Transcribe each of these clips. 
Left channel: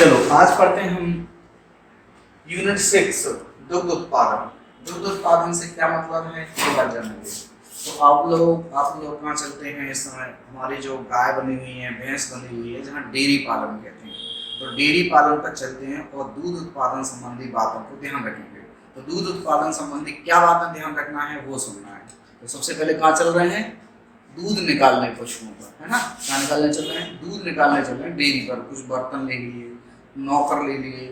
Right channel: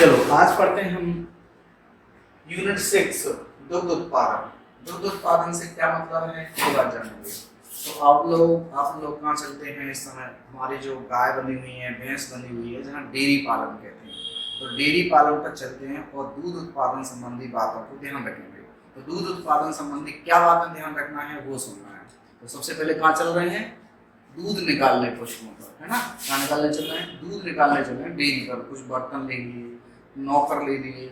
चलो आज पढ़ते हैं हम यूनिट 6 दुग्ध उत्पादन। दुग्ध उत्पादन से क्या मतलब है ये बात जानेंगे। तो आप लोग कहाँ चलते हैं इस समय? हमारी जो गाय बनी हुई है, भैंस बनी हुई है, जहाँ डेयरी पालन कहते हैं, तो डेयरी पालन पर चलते हैं और दूध उत्पादन संबंधी बातों को ध्यान रखेंगे। तो दूध उत्पादन संबंधी क्या बातें ध्यान रखना है वो सुनना है। तो सबसे पहले कहाँ चल रहे हैं? दूध निकालने पशुओं पर, है ना। कहाँ निकालने चल रहे हैं? दूध निकालने चल रहे हैं डेयरी पर। कुछ बर्तन ले लिए, नौकर ले लिए,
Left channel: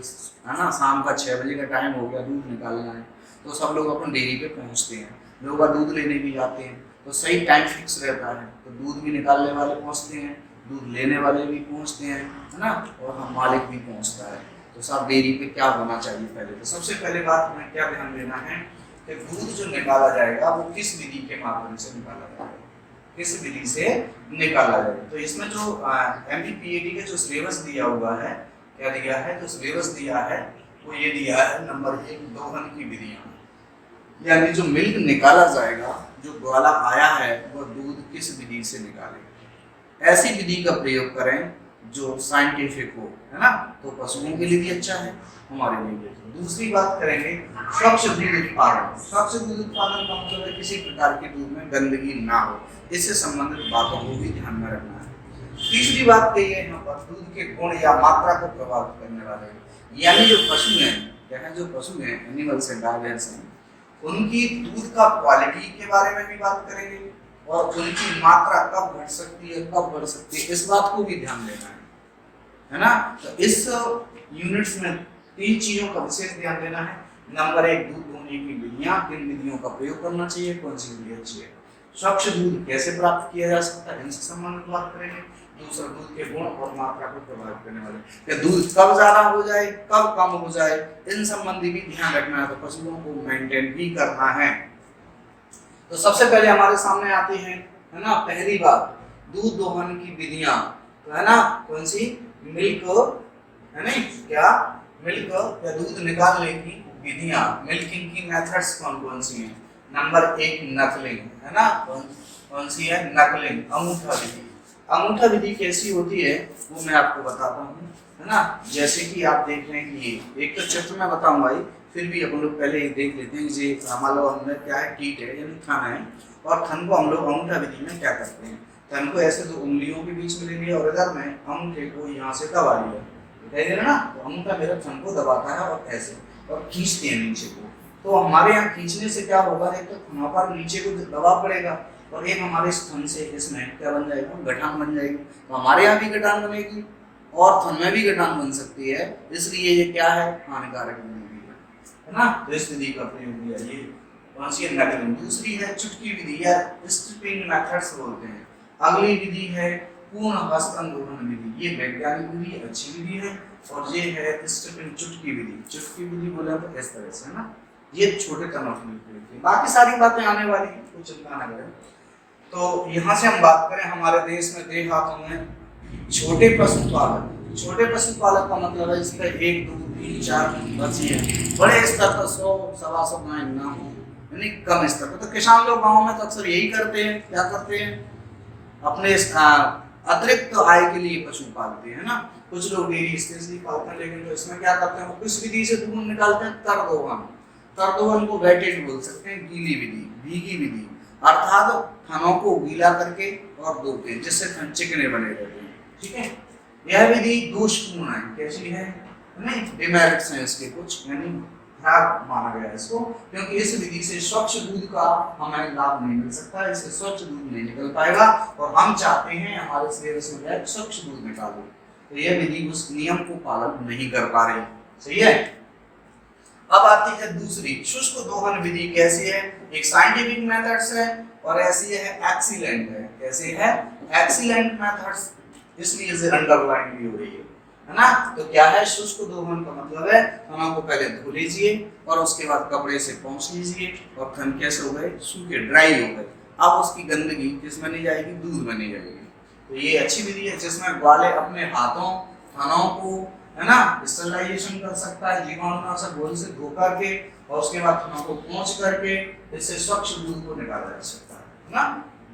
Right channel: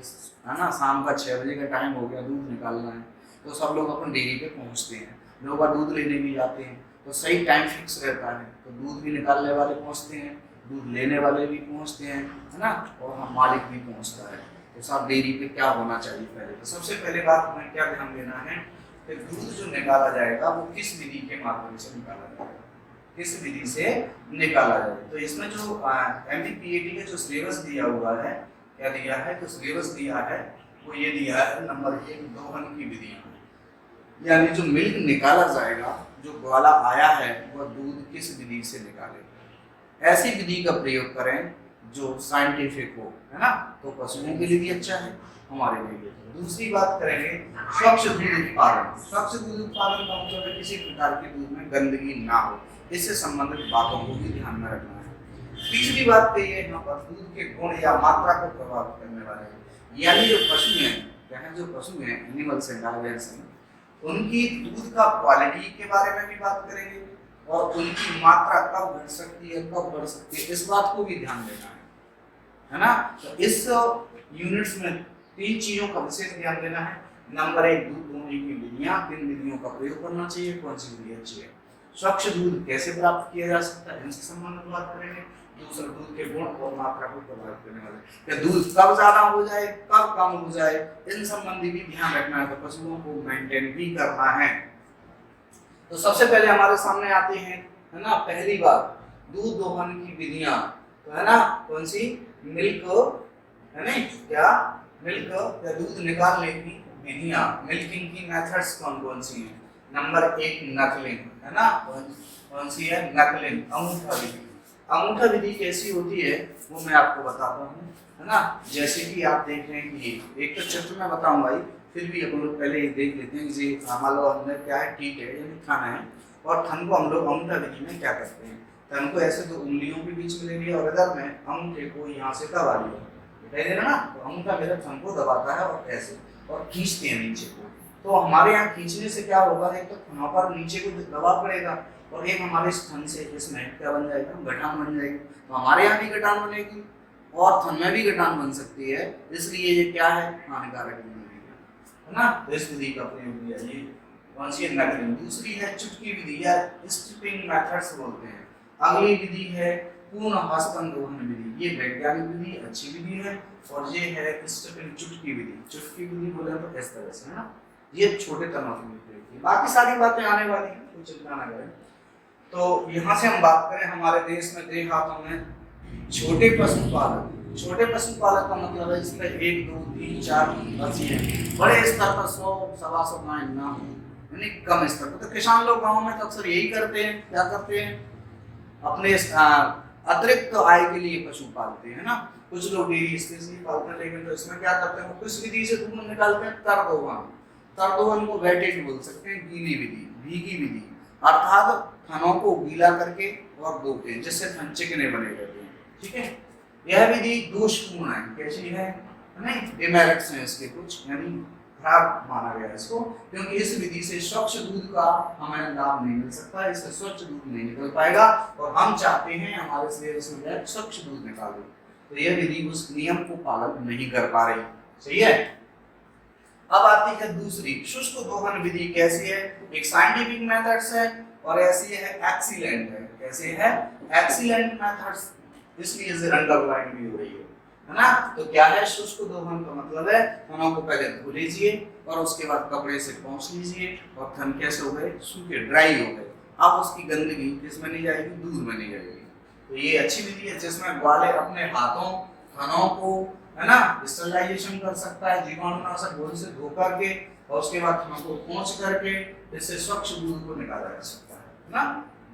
है ना। शाम का 6 बजे का टाइम हो गया, दूध निकालना है, तो सब लोग अपन डेयरी पे पहुंचते हैं। लोग दूध लेने भी जाते हैं, तो सही टाइम फिक्स रहता है, तो दूध भी निकालने वाले पहुंचते हैं, दूध लेने वाले भी पहुंचते हैं, है ना, और हम मालिक भी पहुंचता है। तो सब डेयरी पे क्या होना चाहिए पहले? तो सबसे पहले बात हमें क्या ध्यान देना है कि दूध जो निकाला जाएगा वो किस विधि के माध्यम से निकाला जाएगा, किस विधि से निकाला जाएगा। तो इसमें जो MPPAD का जो सिलेबस दिया हुआ है, क्या दिया है? जो सिलेबस दिया है वो ये दिया है, नंबर 1 दोहन की विधियां, यानी जो मिल्क निकाला जाएगा, जो ग्वाला आया है, वह दूध किस विधि से निकाले। ऐसी विधि का प्रयोग करें जो साइंटिफिक हो, है ना, तो पशुओं के लिए भी अच्छा है, हमारे लिए भी अच्छा। दूसरी बात करेंगे स्वच्छ दूध उत्पादन। स्वच्छ दूध उत्पादन का मतलब है किसी प्रकार के दूध में गंदगी ना हो, इससे संबंधित बातों को भी ध्यान में रखना है। तीसरी बात कही है यहाँ पर दूध के गुण या मात्रा को प्रभावित करने वाले, यानी जो पशु हैं, क्या है, जो पशु हैं, एनिमल्स हैं, गाय भैंस हैं, उनकी दूध का क्वालिटी के बारे में भी बात करेंगे और उनकी मात्रा कब घट सकती है, कब बढ़ सकती है, इस बात को भी ध्यान देना है ना। तो इस यूनिट्स में 3 चीजों का विशेष ध्यान देना है। नंबर 1 दूध दोहने की विधियां, किन विधियों का प्रयोग करना चाहिए, कौन सी विधि अच्छी है। स्वच्छ दूध कैसे प्राप्त किया जा सकता है, इनसे संबंधित बात करेंगे। दूसरा दूध के गुण और मात्रा को प्रभावित करने वाले, दूध कब ज्यादा हो जाए, कब कम हो जाए, इन संबंधी भी ध्यान रखना है। तो पशुओं को मेंटेन भी करना है। तो सबसे पहले हमारे सामने आती है ना, पहली बात दूध दोहन की विधियां, तो है ना, कौन सी? मिल्क, है नहीं क्या, मिल्क या दूध निकालने की विधियां, मिल्किंग की मेथड्स कौन कौन सी हैं। नंबर 1 नकलिंग, है ना, कौन सी है? नकलिंग, अंगूठा विधि। अंगूठा विधि कैसी होती है वो मैं आपको बताता हूँ, है ना। जैसे कि आप देख रहे हैं कि एक तो चित्र में बताऊंगा ही, फिर भी अपन लोग पहले ये देख लेते हैं कि मान लो हमने क्या है, टीट है यानी खाना है, और थन को हम लोग अंगूठा विधि में क्या करते हैं, थन को ऐसे 2 उंगलियों के बीच में ले लिया और इधर में अंगूठे को यहाँ से दबा लिया, दिखाई दे रहा ना। तो अंगूठा मेरा थन को दबाता है और ऐसे और खींचते हैं नीचे को। तो हमारे यहाँ खींचने से क्या होगा, एक तो थनों पर नीचे को दबाव पड़ेगा और एक हमारे स्थन से इसमें क्या बन जाएगा, गठान बन जाएगी। तो हमारे यहाँ भी गठान बनेगी और थन में भी गठान बन सकती है, इसलिए ये क्या है, हानिकारक विधि है ना। तो इस विधि का प्रयोग किया, ये कौन सी है? नकलिंग। दूसरी है चुटकी विधि या स्ट्रिपिंग मेथड्स बोलते हैं। अगली विधि है पूर्ण हस्तन दोहन विधि, ये वैज्ञानिक विधि, अच्छी विधि है, और ये है स्ट्रिपिंग चुटकी विधि। चुटकी विधि बोले तो इस तरह से, है ना, ये छोटे तनों के लिए। बाकी सारी बातें आने वाली हैं, कोई चिंता ना करें। तो यहाँ से हम बात करें हमारे देश में, देहातों में छोटे पशुपालक। छोटे पशुपालक का मतलब है इसमें 1, 2, 3, 4 बस ये बड़े स्तर पर 100, 125 गाय ना हो, यानी कम स्तर पर। तो किसान लोग गाँव में तो अक्सर यही करते हैं, क्या करते हैं, अपने अतिरिक्त आय के लिए पशु पालते हैं ना। कुछ लोग डेयरी स्पेशली पालते हैं, लेकिन तो इसमें क्या करते हैं, वो किस विधि से दूध निकालते हैं? तरदोहन। तरदोहन को वेटेड बोल सकते हैं, गीली विधि, भीगी विधि, अर्थात थनों को गीला करके और धोते हैं, जिससे थन चिकने बने रहते हैं, ठीक है। यह विधि दोषपूर्ण है, कैसी है, नहीं, डिमेरिट्स हैं इसके कुछ, यानी खराब माना गया है इसको, क्योंकि इस विधि से स्वच्छ दूध का हमें लाभ नहीं मिल सकता, इससे स्वच्छ दूध नहीं निकल पाएगा, और हम चाहते हैं हमारे सिलेबस में स्वच्छ दूध निकालो, तो यह विधि उस नियम को पालन नहीं कर पा रही, सही है। अब आती है दूसरी शुष्क दोहन विधि। कैसी है? एक साइंटिफिक मेथड्स है और ऐसी है एक्सीलेंट है। कैसे है? एक्सीलेंट मेथड्स, इसलिए इसे अंडरलाइन भी हो रही है ना। तो क्या है शुष्क दोहन का मतलब है, थनों को पहले धो लीजिए और उसके बाद कपड़े से पोंछ लीजिए, और थन कैसे हो गए, सूखे, ड्राई हो गए। अब उसकी गंदगी किसमें नहीं जाएगी, दूध में नहीं जाएगी। तो ये अच्छी विधि है जिसमें ग्वाले अपने हाथों, थनों को, है ना, स्टरलाइजेशन कर सकता है, जीवाणुनाशक घोल से धो करके, और उसके बाद थनों को पोंछ करके इससे स्वच्छ दूध को निकाला जा सकता है ना,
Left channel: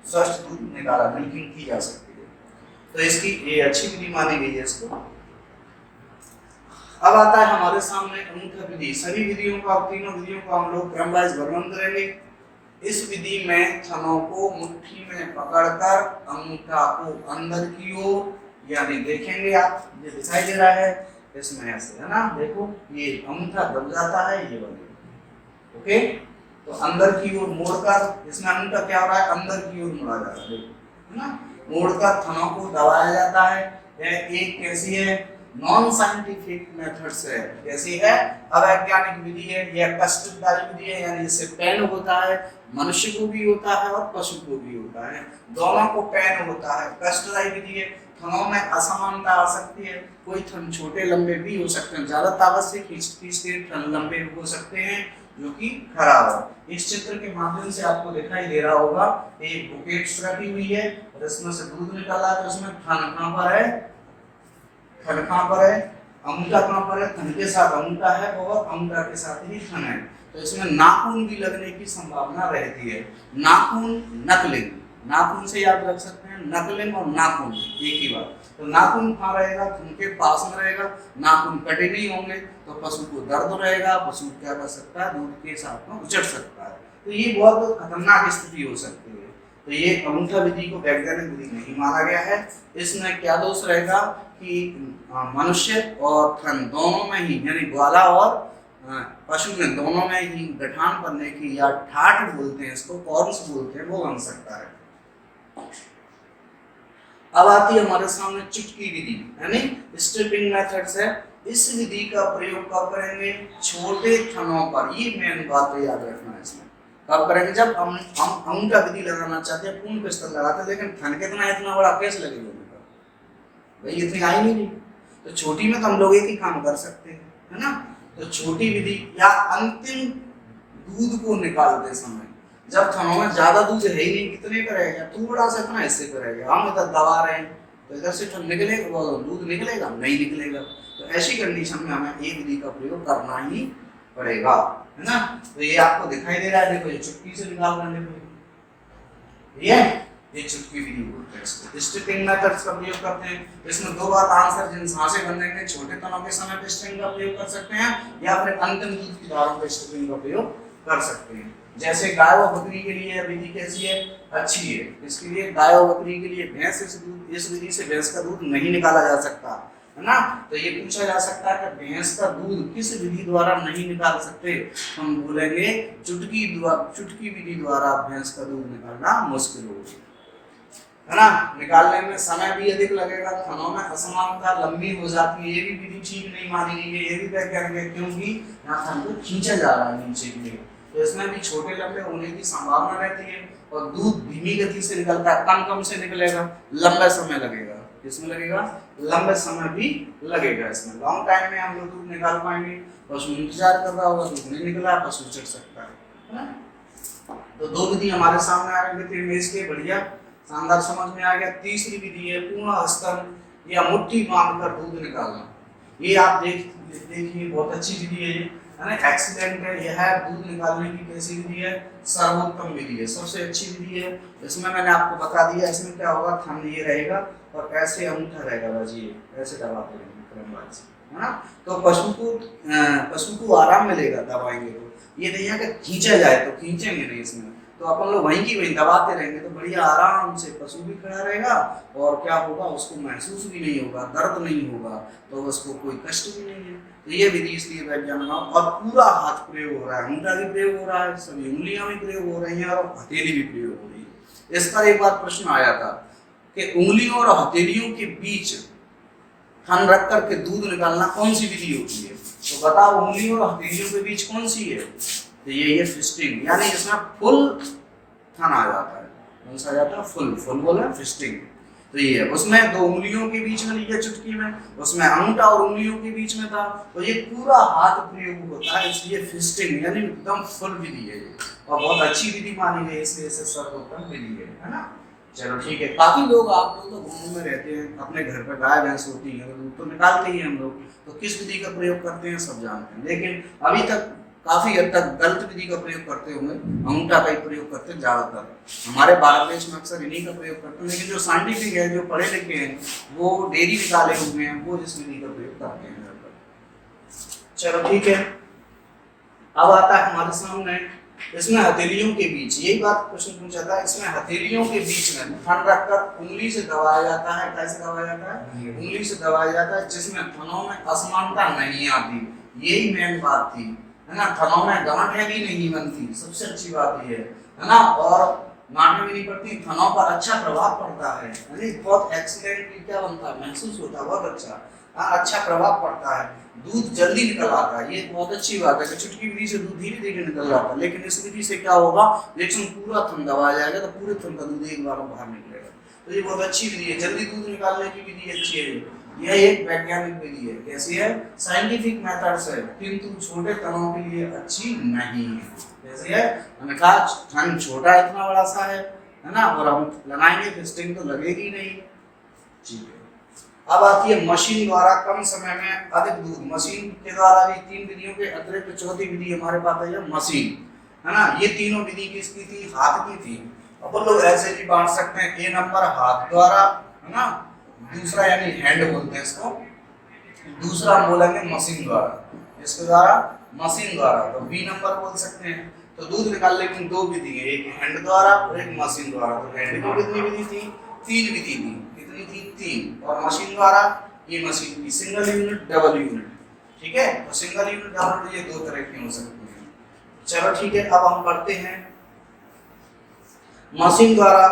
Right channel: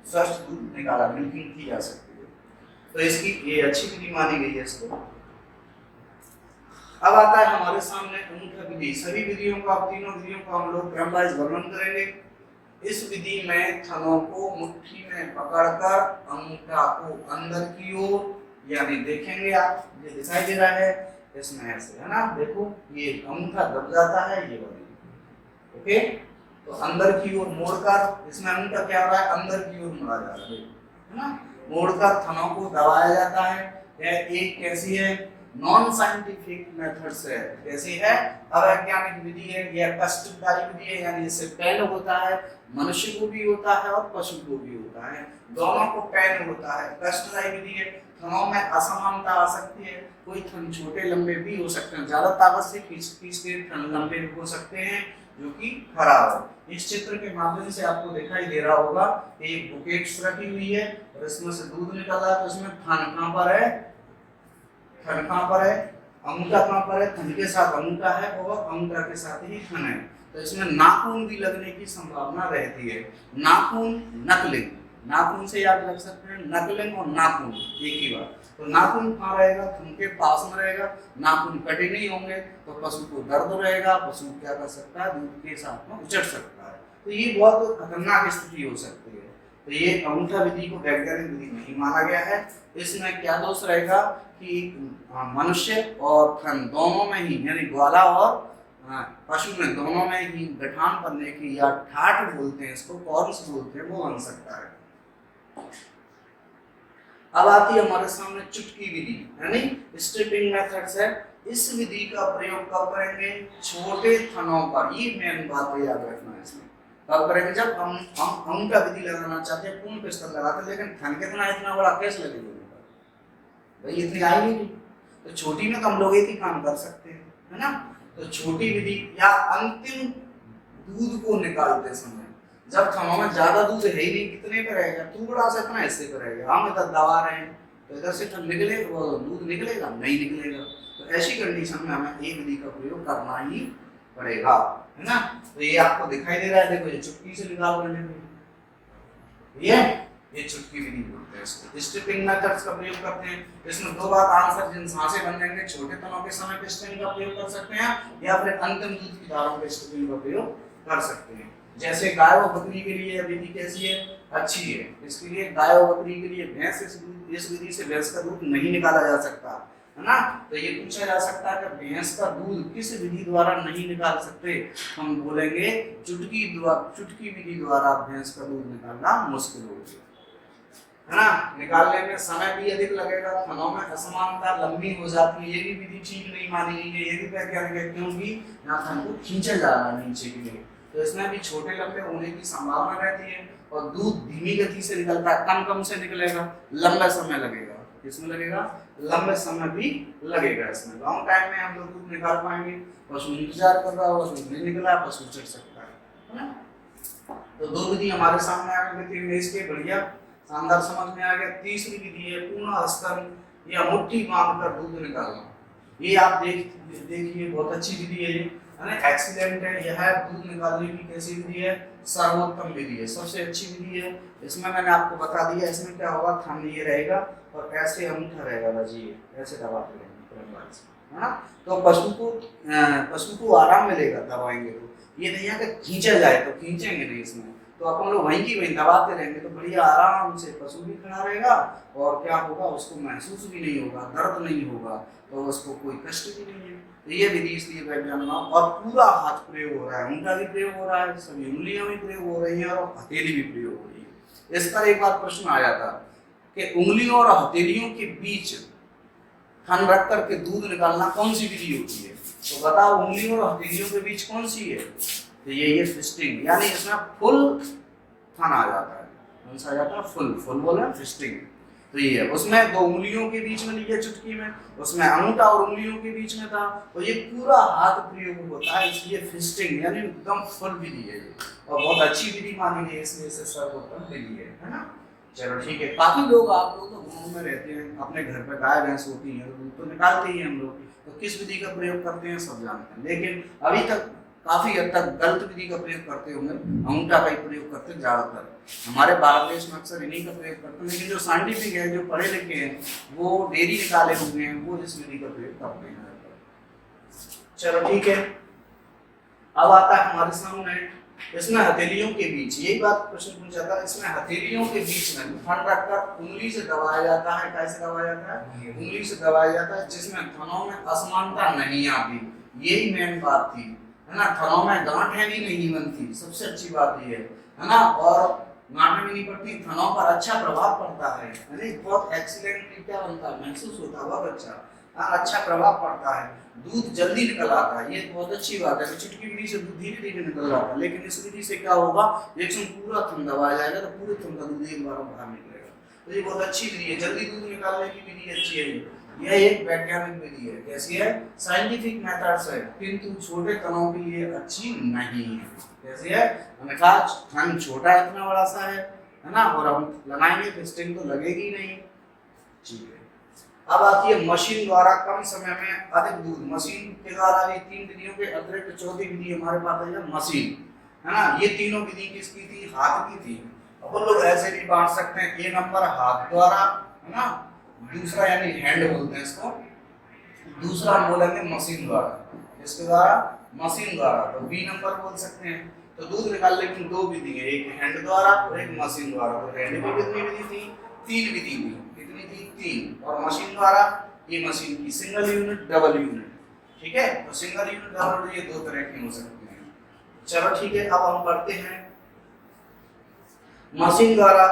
स्वच्छ दूध निकाला, मिल्किंग की जा सकती है। तो इसकी ये अच्छी विधि मानी गई है इसको। अब आता है हमारे सामने अंगूठा विधि। सभी विधियों का, तीनों विधियों का हम लोग क्रम वाइज वर्णन करेंगे। इस विधि में थनों को मुट्ठी में पकड़कर अंगूठा को अंदर की ओर, यानी देखेंगे आप, ये दिखाई दे रहा है इसमें ऐसे, है ना, देखो ये अंगूठा दब जाता है, ये वाली, ओके। तो अंदर की ओर मोड़कर, इसमें अंगूठा क्या हो रहा है, अंदर की ओर मुड़ा जा रहा है, है ना, मोड़कर थनों को दबाया जाता है। यह एक कैसी है, नॉन साइंटिफिक मेथड से, कैसी है, अवैज्ञानिक विधि है। यह कष्टदायी विधि है, यानी इससे पेन होता है, मनुष्य को भी होता है और पशु को भी होता है, दोनों को पेन होता है। कष्टदायी विधि है, थनों में असमानता आ सकती है, कोई थन छोटे लंबे भी हो सकते हैं, ज्यादा ताकत से खींच के थन लंबे हो सकते हैं, जो कि खराब है। इस चित्र के माध्यम से आपको दिखाई दे रहा होगा, एक बुकेट्स रखी हुई है और इसमें से दूध निकाला, तो इसमें थन कहां पर है, थन कहां पर है, अंगूठा कहां पर है, थन के साथ अंगूठा है और अंगूठा के साथ ही थन है। तो इसमें नाखून भी लगने की संभावना रहती है। नाखून, नकलिंग, नाखून से याद रख सकते हैं, नकलिंग और नाखून एक ही बात। तो नाखून कहाँ रहेगा, थन के पास में रहेगा, नाखून कटे नहीं होंगे तो पशु को दर्द रहेगा, पशु क्या कर सकता है, दूध के साथ में उचट सकता है। तो ये बहुत खतरनाक स्थिति हो सकती है। तो ये अंगूठा विधि को वैज्ञानिक विधि नहीं माना गया है। इसमें क्या दोष रहेगा कि मनुष्य और थन दोनों में ही, यानी ग्वाला और पशु में दोनों में ही गठान बनने की, या ठाठ बोलते हैं इसको, कॉर्म्स बोलते हैं, वो बन सकता है। अब आती है हमारे सामने चुटकी विधि, यानी स्ट्रिपिंग मेथड्स है। इस विधि का प्रयोग कब करेंगे, छोटे थनों पर। ये मेन बात है, याद रखना है इसमें। कब करेंगे, जब हम अंगूठा विधि लगाना चाहते हैं, पूर्ण पिस्टल लगाते हैं, लेकिन थन कितना इतना बड़ा कैसे लगेगा भाई, इतनी आई नहीं। तो छोटी में तो हम लोग एक ही काम कर सकते हैं, है ना। तो छोटी विधि, या अंतिम दूध को निकालते समय, जब थनों में ज्यादा दूध है ही नहीं, कितने का रहेगा, थोड़ा सा इतना हिस्से का रहेगा, हम इधर दबा रहे हैं तो इधर से निकलेगा, दूध निकलेगा नहीं निकलेगा। तो ऐसी कंडीशन में हमें एक विधि का प्रयोग करना ही पड़ेगा, है ना। तो ये आपको दिखाई दे रहा है, देखो ये चुटकी से निकाल रहे हैं, ये चुटकी विधि बोलते हैं इसको। स्ट्रिपिंग मेथड्स का प्रयोग करते हैं। इसमें दो बात आंसर जिन सांसे बनेंगे, छोटे तनों के समय पे स्ट्रिपिंग का प्रयोग कर सकते हैं, या फिर अंतिम दूध की धारों पे स्ट्रिपिंग का प्रयोग कर सकते हैं। जैसे गाय और बकरी के लिए विधि कैसी है, अच्छी है। इसके लिए गाय और बकरी के लिए भैंस, इस विधि से भैंस का दूध नहीं निकाला जा सकता, है ना। तो ये पूछा जा सकता है कि भैंस का दूध किस विधि द्वारा नहीं निकाल सकते, हम बोलेंगे चुटकी विधि द्वारा भैंस का दूध निकालना मुश्किल होगी, है ना। निकालने में समय भी अधिक लगेगा, थनों में असमानता लंबी हो जाती है, ये भी विधि ठीक नहीं मानी गई है, ये भी वैज्ञानिक है, क्योंकि यहाँ थन को खींचा जा रहा है नीचे के लिए, तो इसमें भी छोटे लंबे होने की संभावना रहती है। और दूध धीमी गति से निकलता है, कम से निकलेगा, लंबा समय लगेगा, किसमें लगेगा, लंबे समय भी लगेगा। इसमें लॉन्ग टाइम में हम लोग दूध निकाल पाएंगे, पशु इंतजार कर रहा होगा, दूध नहीं निकला, पशु चढ़ सकता है ना। तो दो विधि हमारे सामने आ गई थी इमेज के, बढ़िया शानदार समझ में आ गया। तीसरी विधि है पूर्ण हस्तन या मुट्ठी बांधकर दूध निकालना। ये आप देखिए बहुत अच्छी विधि है, ये है ना, एक्सीलेंट है। यह है दूध निकालने की कैसी विधि है, सर्वोत्तम विधि है, सबसे अच्छी विधि है। इसमें मैंने आपको बता दिया, इसमें क्या होगा, थन ये रहेगा और ऐसे अंगूठा रहेगा, बस ये ऐसे दबाते रहेंगे, है ना। तो पशु को आराम मिलेगा दबाएंगे तो, ये नहीं है कि खींचा जाए तो खींचेंगे नहीं, इसमें तो अपन लोग वहीं की वहीं दबाते रहेंगे तो बढ़िया आराम से पशु भी खड़ा रहेगा, और क्या होगा, उसको महसूस भी नहीं होगा, दर्द नहीं होगा, तो उसको कोई कष्ट भी नहीं है। तो ये विधि इसलिए वैज्ञानिक, और पूरा हाथ प्रयोग हो रहा है, अंगूठा भी प्रयोग हो रहा है, सभी उंगलियां भी प्रयोग हो रही हैं और हथेली भी प्रयोग हो रही है। इस पर एक बार प्रश्न आया था कि उंगलियों और हथेलियों के बीच थन रख करके दूध निकालना कौन सी विधि होती है, तो बताओ उंगलियों और हथेलियों के बीच कौन सी है, तो ये फिस्टिंग, यानी इसमें फुल थन आ जाता है, कौन सा आ जाता है, फुल बोला फिस्टिंग। तो ये है, उसमें दो उंगलियों के बीच में लिया चुटकी में, उसमें अंगूठा और उंगलियों के बीच में था, तो ये पूरा हाथ प्रयोग होता है, इसलिए फिस्टिंग यानी एकदम फुल विधि है ये, और बहुत अच्छी विधि मानी गई, इसलिए इसे सर्वोत्तम विधि है ना। चलो ठीक है। काफी लोग, आप लोग तो गाँव में रहते हैं, अपने घर पर गाय भैंस होती है तो निकालते ही हम लोग, तो किस विधि का प्रयोग करते हैं सब जानते हैं, लेकिन अभी तक काफी हद तक गलत विधि का प्रयोग करते होंगे, अंगूठा का ही प्रयोग करते हैं ज्यादातर। हमारे भारत देश में अक्सर इन्हीं का प्रयोग करते हैं, लेकिन जो साइंटिफिक है, जो पढ़े लिखे हैं, वो डेयरी निकाले हुए हैं, वो इस विधि का प्रयोग करते हैं। चलो ठीक है। अब आता है हमारे सामने, इसमें हथेलियों के बीच, यही बात क्वेश्चन पूछा था, इसमें हथेलियों के बीच में थन रखकर उंगली से दबाया जाता है। कैसे दबाया जाता है? उंगली से दबाया जाता है, जिसमें थनों में असमानता नहीं आती। यही मेन बात थी, है ना। थनों में गांठें भी नहीं बनती, सबसे अच्छी बात ये है ना, और गांठें भी नहीं पड़ती, थनों पर अच्छा प्रभाव पड़ता है, बहुत एक्सीलेंट क्या बनता है, महसूस होता है, बहुत अच्छा, अच्छा प्रभाव पड़ता है, दूध जल्दी निकल आता है। ये बहुत अच्छी बात है कि चुटकी विधि से दूध धीरे धीरे निकल जाता है, लेकिन इस विधि से क्या होगा, रिएक्शन पूरा थन दबाया जाएगा तो पूरे थन का दूध एक बार में बाहर निकलेगा। तो ये बहुत अच्छी विधि है, जल्दी दूध निकालने की विधि अच्छी है। यह एक वैज्ञानिक विधि है। कैसी है? साइंटिफिक मेथड्स है, किंतु छोटे तनों के लिए अच्छी नहीं है। कैसी है? मैंने कहा थन छोटा इतना बड़ा सा है ना, और हम लगाएंगे फिस्टिंग तो लगेगी नहीं। ठीक है। अब आती है मशीन द्वारा कम समय में अधिक दूध। मशीन के द्वारा भी तीन विधियों के अतिरिक्त चौथी विधि हमारे पास है मशीन, है ना। ये तीनों विधि किसकी थी? हाथ की थी। अपन लोग ऐसे भी बांट सकते हैं, ए नंबर हाथ द्वारा, है ना, दूसरा यानी हैंड बोलते हैं इसको, दूसरा हम बोलेंगे मशीन द्वारा, इसके द्वारा मशीन द्वारा, तो बी नंबर बोल सकते हैं। तो दूध निकालने की दो विधि है, एक हैंड द्वारा और एक मशीन द्वारा। तो हैंड की कितनी विधि थी? तीन विधि थी। कितनी थी? तीन। और मशीन द्वारा, ये मशीन की सिंगल यूनिट, डबल यूनिट, ठीक है। तो सिंगल यूनिट, डबल यूनिट, ये दो तरह की हो सकती है। चलो ठीक है, अब हम बढ़ते हैं मशीन द्वारा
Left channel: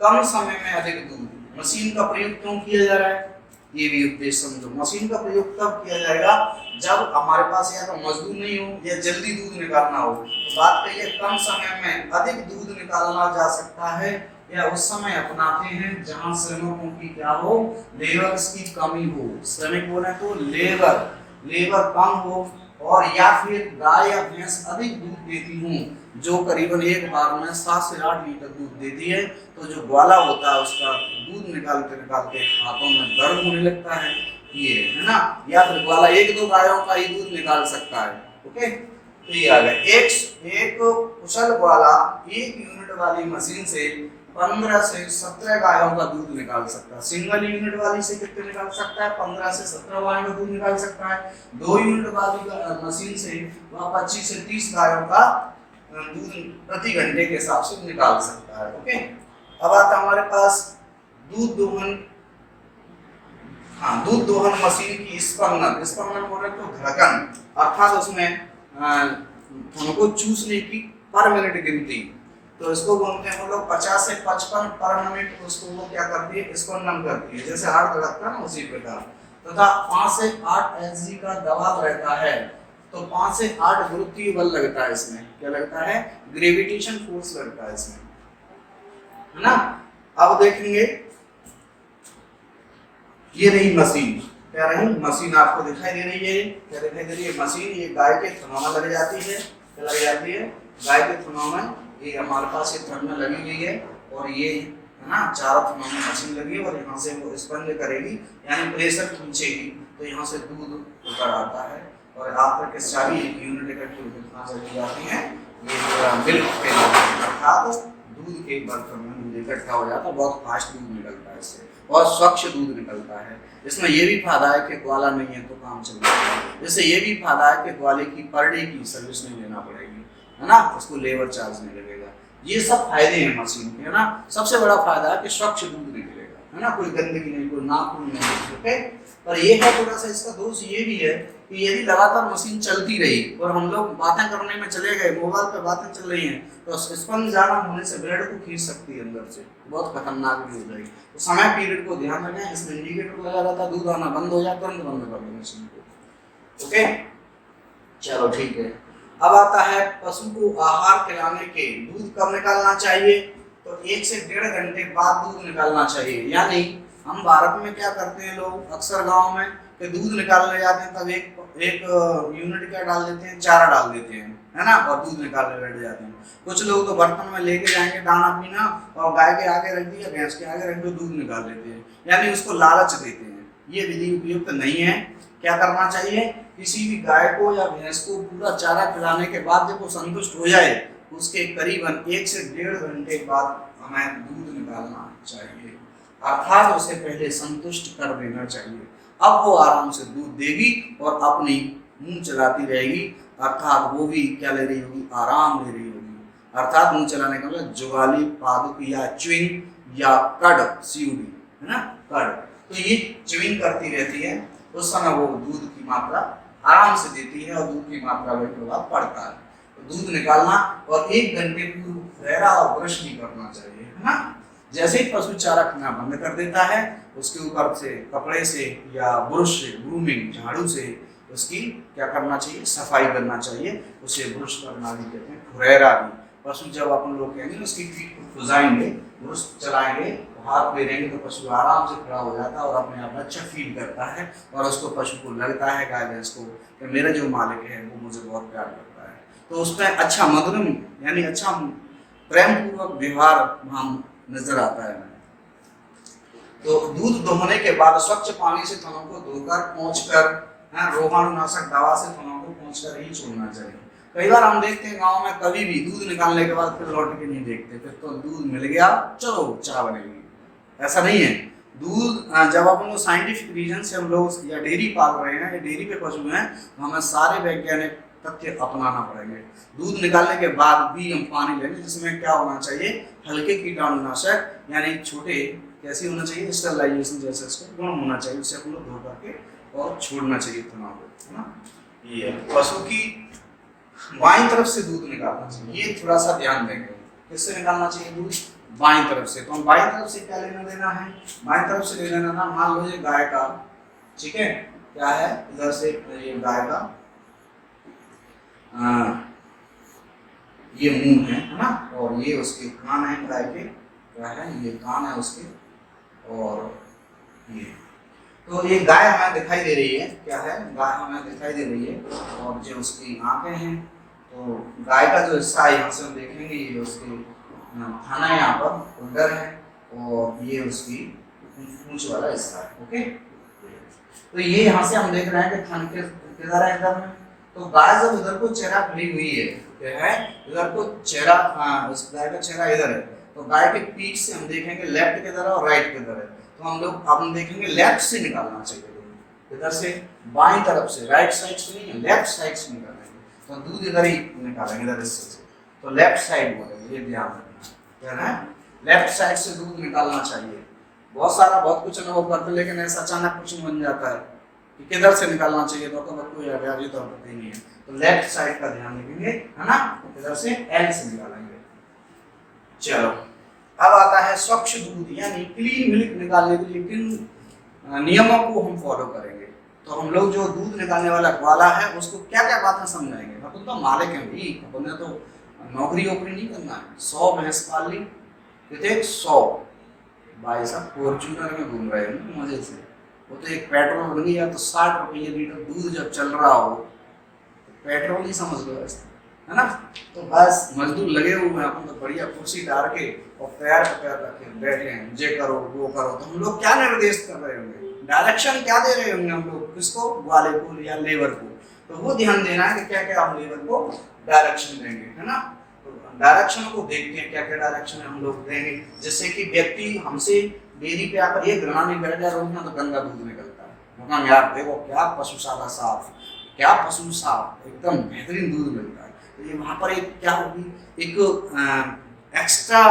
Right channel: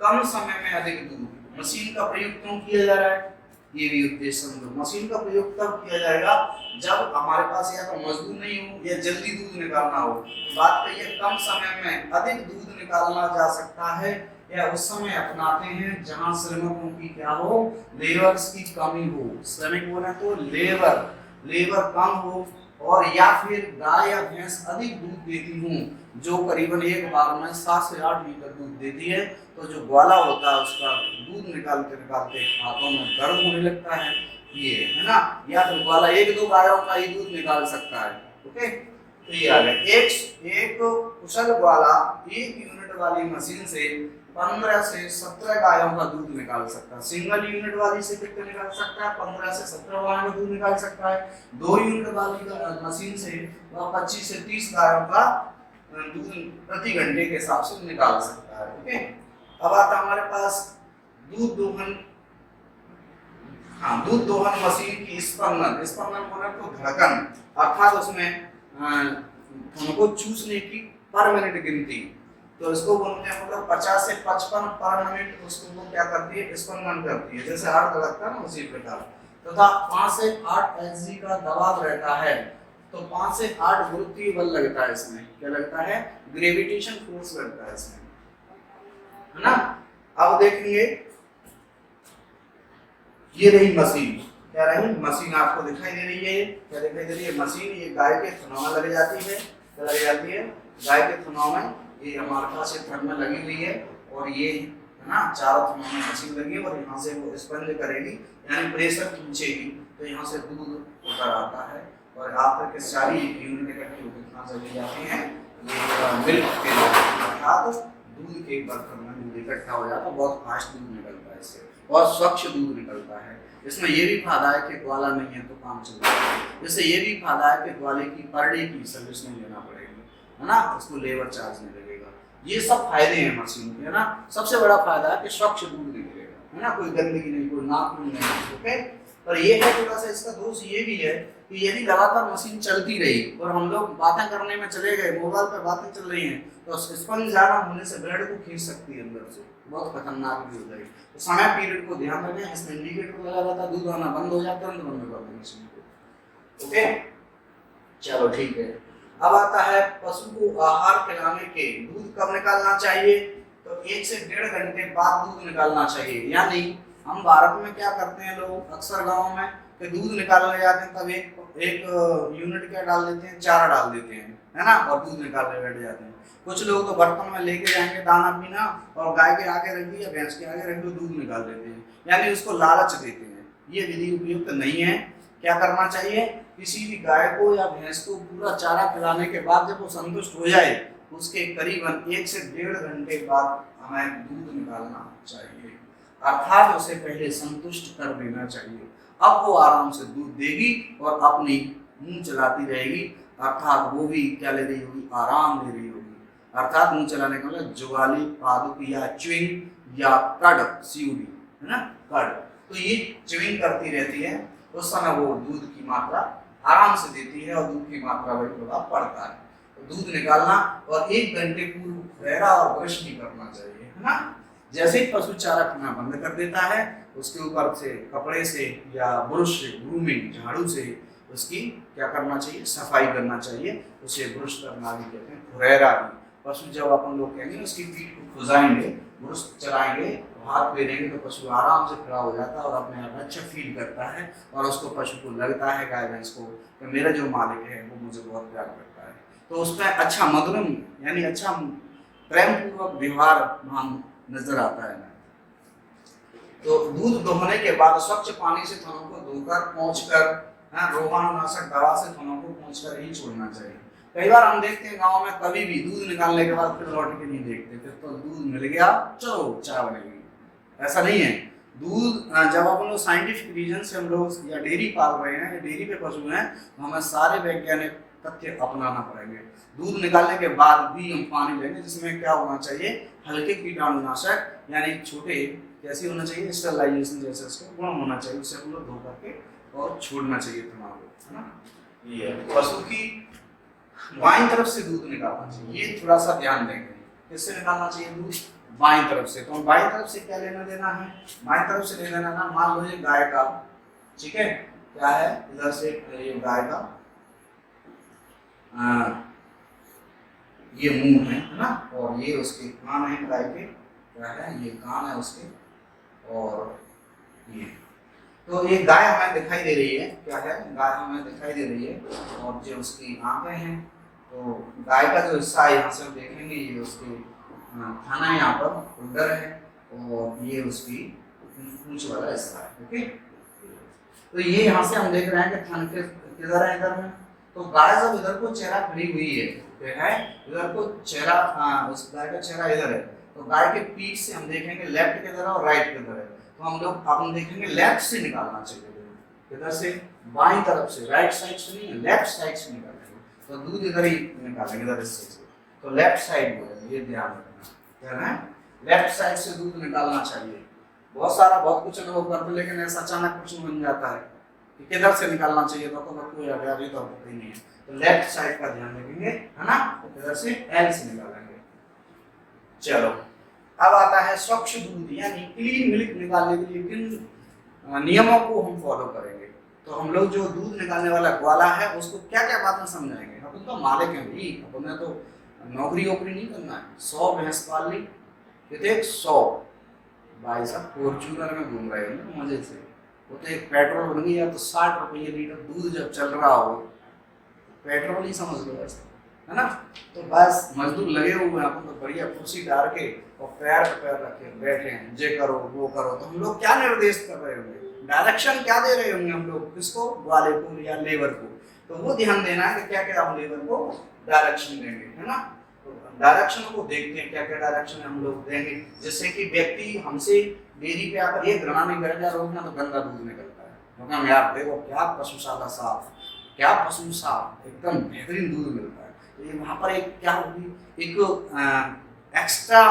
कम समय में अधिक दूध। मशीन का प्रयोग क्यों किया जा रहा है, ये भी उद्देश्य समझो। मशीन का प्रयोग तब किया जाएगा जब हमारे पास या तो मजदूर नहीं हो या जल्दी दूध निकालना हो। तो बात करिए, कम समय में अधिक दूध निकालना जा सकता है या उस समय अपनाते हैं जहां श्रमिकों की क्या हो, लेबर्स की कमी हो। श्रमिक बोले तो लेबर कम हो, और या फिर गाय या भैंस अधिक दूध देती हूँ, जो करीबन एक बार में 7 से 8 लीटर दूध देती है। तो जो ग्वाला होता है उसका दूध निकालते निकालते हाथों में दर्द होने लगता है, ये है ना। या फिर ग्वाला एक दो गायों का ही दूध निकाल सकता है। ओके, तो ये आ गया। एक कुशल ग्वाला एक यूनिट वाली मशीन से 15 से 17 गायों का दूध निकाल सकता है। सिंगल यूनिट वाली से कितने निकाल सकता है? 15 से 17 गायों का दूध निकाल सकता है। 2 यूनिट वाली मशीन से वह 25 से 30 गायों का दूध प्रति घंटे के हिसाब से निकाल सकता है। ओके, अब आता हमारे पास दूध दोहन। हाँ, दूध दोहन मशीन की स्पंदन बोले तो धड़कन, अर्थात उसमें हमको चूसने की पर मिनट गिनती, तो इसको बोलते हैं मतलब 50 से 55 पर मिनट उसको वो क्या करती है, स्पंदन करती है, जैसे हार्ट धड़कता है ना उसी प्रकार। तथा 5 से 8 एचजी का दबाव रहता है। तो 5 से 8 गुरुत्वीय बल लगता है इसमें। क्या लगता है? ग्रेविटेशन फोर्स लगता है इसमें, है ना। अब देखेंगे, ये रही मशीन। क्या रही? मशीन आपको दिखाई दे रही है। क्या दिखाई दे रही है? मशीन। ये गाय के थनों में लग जाती है। क्या लग जाती है? गाय के थनों में। ये हमारे पास ये थन में लगी हुई है, और ये है ना चारों थनों में मशीन लगी है, और यहाँ से वो स्पंज करेगी, यानी प्रेशर खींचेगी, तो यहाँ से दूध उतर आता है, और आप तक सारी यूनिट इकट्ठी होकर कहाँ चली जाती हैं, ये मिल्क के अर्थात दूध के बर्तन में दूध इकट्ठा हो जाता है। बहुत फास्ट दूध निकलता है इससे, और स्वच्छ दूध निकलता है। इसमें ये भी फायदा है कि ग्वाला नहीं है तो काम चल जाएगा। इससे ये भी फायदा है कि ग्वाले की पर डे की सर्विस नहीं लेना पड़ेगी, है ना, उसको लेबर चार्ज नहीं लगेगा। ये सब फायदे हैं मशीन के, है ना। सबसे बड़ा फायदा है कि स्वच्छ दूध निकलेगा, है ना, कोई गंदगी नहीं, कोई नाखून नहीं। ओके, पर ये है थोड़ा सा इसका दोष ये भी है कि यदि लगातार मशीन चलती रही और हम लोग बातें करने में चले गए, मोबाइल पे बातें चल रही हैं, तो स्पंज ज्यादा होने से ब्लड को खींच सकती है अंदर से, बहुत खतरनाक भी हो जाएगी। तो समय पीरियड को ध्यान रखें, इसमें इंडिकेटर लगा रहता है, दूध आना बंद हो जाता है, बंद कर दो मशीन को। ओके, चलो ठीक है। अब आता है पशु को आहार खिलाने के दूध कब निकालना चाहिए? तो 1 से 1.5 घंटे बाद दूध निकालना चाहिए। यानी हम भारत में क्या करते हैं लोग, अक्सर गांव में कि दूध निकालने जाते हैं तब एक यूनिट क्या डाल देते हैं, चारा डाल देते हैं, है ना, और दूध निकालने बैठ जाते हैं। कुछ लोग तो बर्तन में लेके जाएंगे दाना पीना, और गाय के आगे रख दिया, भैंस के आगे रख दिया, दूध निकाल देते हैं, यानी उसको लालच देते हैं। ये विधि उपयुक्त नहीं है। क्या करना चाहिए? किसी भी गाय को या भैंस को पूरा चारा खिलाने के बाद जब वो संतुष्ट हो जाए, उसके करीबन 1 से 1.5 घंटे बाद हमें दूध निकालना चाहिए, अर्थात उसे पहले संतुष्ट कर देना चाहिए। अब वो आराम से दूध देगी और अपनी मुंह चलाती रहेगी, अर्थात वो भी क्या ले रही होगी, आराम ले रही होगी। अर्थात मुंह चलाने का मतलब जुगाली, पादुक या च्युइंग या कड, सीयूडी, है ना, कड। तो ये च्युइंग करती रहती है, उस समय वो दूध की मात्रा आराम से देती है और दूध की मात्रा वही प्रभाव पड़ता है। तो दूध निकालना और 1 घंटे पूर्व फुहरा और ब्रश नहीं करना चाहिए, है ना। जैसे ही पशु चारा खाना बंद कर देता है, उसके ऊपर से कपड़े से या ब्रश से, ग्रूमिंग, झाड़ू से उसकी क्या करना चाहिए, सफाई करना चाहिए। उसे ब्रश करना भी कहते हैं, फुहरा भी। पशु जब अपन लोग कहेंगे उसकी पीठ को खुजाएंगे, ब्रश चलाएंगे, हाथ फेरेंगे तो पशु आराम से खड़ा हो जाता है और अपने आप में अच्छा फील करता है और उसको, पशु को लगता है, गाय भैंस को, कि मेरा जो मालिक है वो मुझे बहुत प्यार करता है। तो उसमें अच्छा मधुरम यानी अच्छा प्रेम पूर्वक व्यवहार हम नजर आता है। तो दूध दोहने के बाद स्वच्छ पानी से थनों को धोकर पोंछकर, रोगाणुनाशक दवा से थनों को पोंछकर ही छोड़ना चाहिए। कई बार हम देखते हैं गांव में कभी भी दूध निकालने के बाद फिर लौट के नहीं देखते, फिर तो दूध मिल गया चलो चाय बनेगी, ऐसा नहीं है। दूध जब अपन लोग साइंटिफिक रीजन से हम लोग या डेयरी पाल रहे हैं या डेयरी पे पशु हैं, तो हमें सारे वैज्ञानिक तथ्य अपनाना पड़ेंगे। दूध निकालने के बाद भी हम पानी लेंगे जिसमें क्या होना चाहिए, हल्के कीटाणुनाशक, यानी छोटे, कैसी होना चाहिए, स्टरलाइजेशन जैसे इसका गुण होना चाहिए, उससे अपन लोग धो करके और छोड़ना चाहिए थना को, है ना। ये पशु की बाईं तरफ से दूध निकालना चाहिए, ये थोड़ा सा ध्यान देंगे। किससे निकालना चाहिए दूध, बाईं तरफ से। तो हम बाईं तरफ से क्या लेना देना है, बाईं तरफ से ले लेना ना, मान लो ये गाय का, ठीक है, क्या है, इधर से ये गाय का ये मुंह है ना, और ये उसके कान है गाय के, क्या है, ये कान है उसके, और ये, तो ये गाय हमें दिखाई दे रही है, क्या है, गाय हमें दिखाई दे रही है, और जो उसकी आंखें हैं, तो गाय का जो हिस्सा है यहाँ से हम देखेंगे, ये उसके थाना यहाँ पर उदर है, और ये उसकी पूंछ वाला हिस्सा है, ओके। तो ये यहाँ से हम देख रहे हैं कि थान किधर है, इधर में। तो गाय जब इधर को चेहरा खड़ी हुई है, क्या है, इधर को चेहरा, उस गाय का चेहरा इधर है, तो गाय के पीठ से हम देखेंगे लेफ्ट किधर है और राइट किधर है। तो हम लोग अपन देखेंगे लेफ्ट से निकालना चाहिए दूध, इधर से बाईं तरफ से, राइट साइड से नहीं, लेफ्ट साइड से निकालेंगे, तो दूध इधर ही निकालेंगे, इधर से। तो लेफ्ट साइड बोलेंगे, ये ध्यान रखना, क्या है, लेफ्ट साइड से दूध निकालना चाहिए। बहुत कुछ अनुभव करते, लेकिन ऐसा अचानक प्रश्न बन जाता है कि किधर से निकालना चाहिए, तो बच्चों याद है, तो पता ही नहीं है। तो लेफ्ट साइड का ध्यान रखेंगे, है ना, इधर से एल से निकालेंगे। चलो, अब आता है स्वच्छ दूध, यानी क्लीन मिल्क निकालने के लिए किन नियमों को हम फॉलो करेंगे। तो हम लोग जो दूध निकालने वाला ग्वाला है उसको क्या क्या बातें समझाएंगे। अपन तो मालिक हैं भाई, अपन ने तो नौकरी वोकरी नहीं करना है। 100 भैंस पाल ली, कितने 100 भाई साहब फॉर्च्यूनर में घूम रहे हैं मजे से। वो तो एक पेट्रोल बन गया, तो 60 रुपये लीटर दूध जब चल रहा हो, तो पेट्रोल ही समझ लो ऐसा, है ना। तो बस मजदूर लगे हुए हैं, अपन तो बढ़िया कुर्सी डाल के और पैर पे पैर रख के बैठे हैं, ये करो वो करो। तो हम लोग क्या निर्देश कर रहे होंगे, डायरेक्शन क्या दे रहे होंगे हम लोग, किसको, ग्वाले को या लेबर को। तो वो ध्यान देना है कि क्या क्या हम लेबर को डायरेक्शन देंगे, है ना। डायरेक्शन को देखते हैं क्या क्या डायरेक्शन हम लोग देंगे, जिससे कि व्यक्ति हमसे डेयरी पे आकर ये घृणा नहीं करेगा, रोकना तो गंदा दूध निकलता है, मतलब यार देखो क्या पशुशाला साफ, क्या पशु साफ, एकदम बेहतरीन दूध मिलता है। तो ये वहाँ पर एक क्या होगी, एक एक्स्ट्रा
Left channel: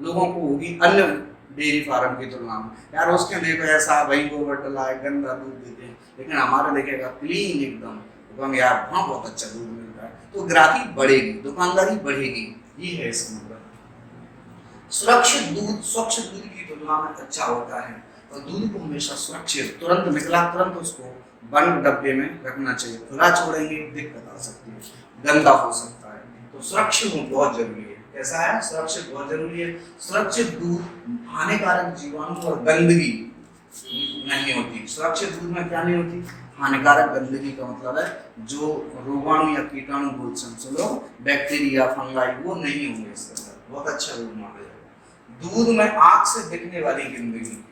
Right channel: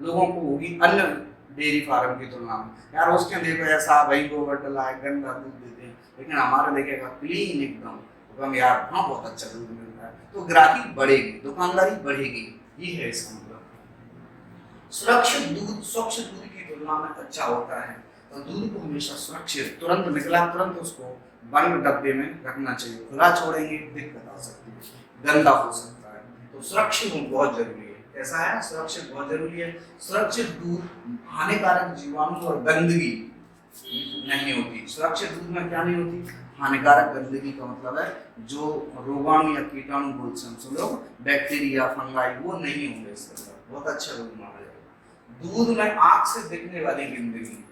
लोगों को होगी अन्य डेयरी फार्म की तुलना में, यार उसके देखो ऐसा वही गोबर डला है, गंदा दूध देते हैं, लेकिन हमारे देखेगा क्लीन एकदम, तो हम यार वहाँ बहुत अच्छा दूध मिलता है। तो ग्राहकी बढ़ेगी, दुकानदारी बढ़ेगी, ये है इसका मतलब। सुरक्षित दूध स्वच्छ दूध की तुलना में अच्छा होता है, और दूध को हमेशा सुरक्षित, तुरंत निकला तुरंत उसको बंद डब्बे में रखना चाहिए। खुला छोड़ेंगे दिक्कत आ सकती है, गंदा हो सकता है। तो सुरक्षित बहुत जरूरी है। कैसा है, सुरक्षित बहुत जरूरी है। सुरक्षित दूध हानिकारक जीवाणु और गंदगी नहीं होती। सुरक्षित दूध में क्या नहीं होती, हानिकारक गंदगी का मतलब है जो रोगाणु या कीटाणु बोल समझ लो, बैक्टीरिया फंगाई वो नहीं होंगे इसके अंदर, बहुत अच्छा दूध माना जाएगा। दूध में आंख से दिखने वाली गंदगी,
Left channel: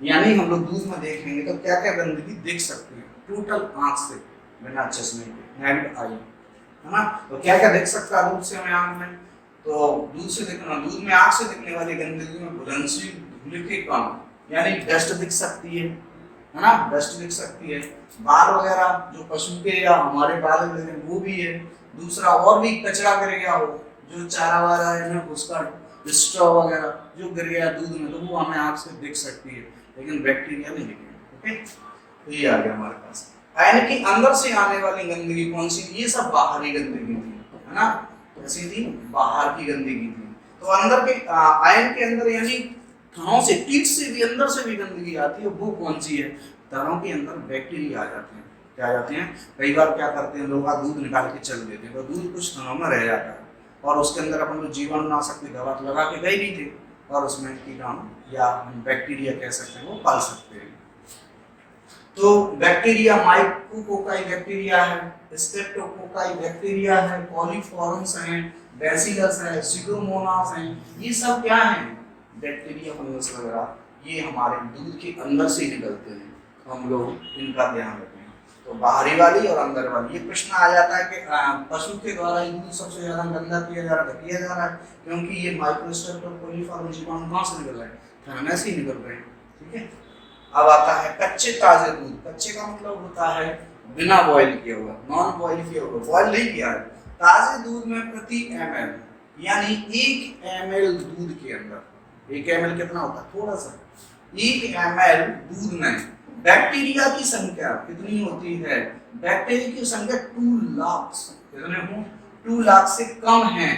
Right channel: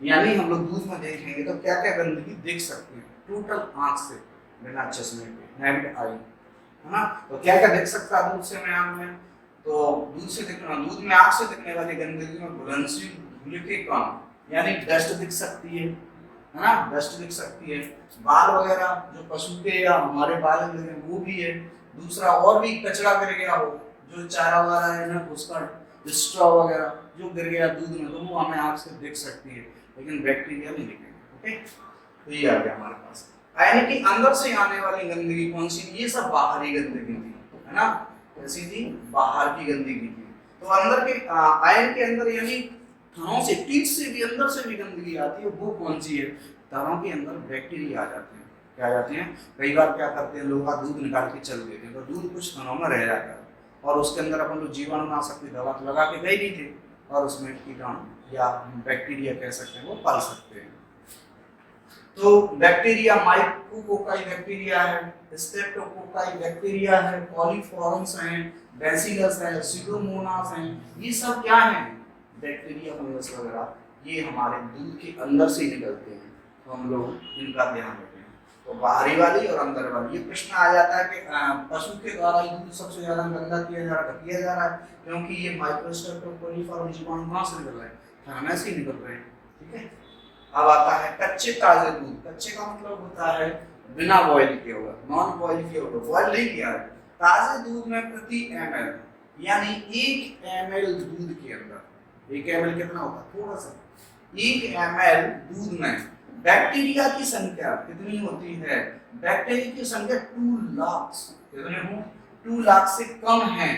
यानी हम लोग दूध में देखेंगे तो क्या क्या गंदगी देख सकते हैं, टोटल आंख से, बिना चश्मे के, नेकेड आई, है ना। तो क्या क्या देख सकता है दूध से हमें आंख में, तो दूध से देखना, दूध में आंख से दिखने वाली गंदगी में घुलनशील धूल के कण यानी डस्ट दिख सकती है, है ना, डस्ट लिख सकती है। बाल वगैरह जो पशु के या हमारे बाल गिर गए वो भी है। दूसरा और भी कचरा गिर गया हो, जो चारा वारा है ना उसका स्ट्रॉ वगैरह जो गिर गया दूध में, तो वो हमें आँख से दिख सकती है, लेकिन बैक्टीरिया नहीं दिखेगा। ओके, तो ये आ गया हमारे पास। यानी कि अंदर से आने वाली गंदगी कौन सी थी? ये सब बाहरी गंदगी थी, है ना, कैसी थी? बाहर की गंदगी थी। तो अंदर के आयन के अंदर यानी थनों से, पीठ से भी, अंदर से भी गंदगी आती है, वो कौन सी है? थनों के अंदर बैक्टीरिया आ जाते हैं। क्या आ जाते हैं? कई बार क्या करते हैं लोग, दूध निकाल के चल देते हैं, तो दूध कुछ थनों में रह जाता है, और उसके अंदर अपन लोग जीवाणुनाशक की दवा तो लगा के गए नहीं थे, और उसमें कीटाणु या बैक्टीरिया कह सकते हैं वो पाल सकते हैं। तो बैक्टीरिया माइकोकोकाई बैक्टीरिया है, स्ट्रेप्टोकोकाई बैक्टीरिया है, कॉलीफॉर्म्स हैं, बैसिलस है, सीडोमोनास हैं, ये सब क्या हैं? बैक्टीरिया, फंगस वगैरह, ये हमारे दूध के अंदर से ही निकलते हैं, तो हम लोग इनका ध्यान रखें। तो बाहरी वाली और अंदर वाली। ये प्रश्न आ जाता है कि पशु के द्वारा ही दूध सबसे ज्यादा गंदा किया जा रहा है, क्योंकि ये माइक्रोस्ट्रेप्ट और कोलीफॉर्म जीवाणु कहाँ से निकल रहे हैं? थनों से ही निकल रहे हैं। ठीक है, अब आता है कच्चे ताजे दूध। कच्चे का मतलब होता है बिना बॉईल किया हुआ, नॉन बॉईल किया हुआ, बॉईल नहीं किया है। ताजे दूध में प्रति ml यानी 1 ml दूध के अंदर, 1 ml कितना होता है? थोड़ा सा। 1 ml दूध में बैक्टीरिया की संख्या कितनी होती है? बैक्टीरिया की संख्या 2 लाख, कितने हो? 2 लाख से कम है,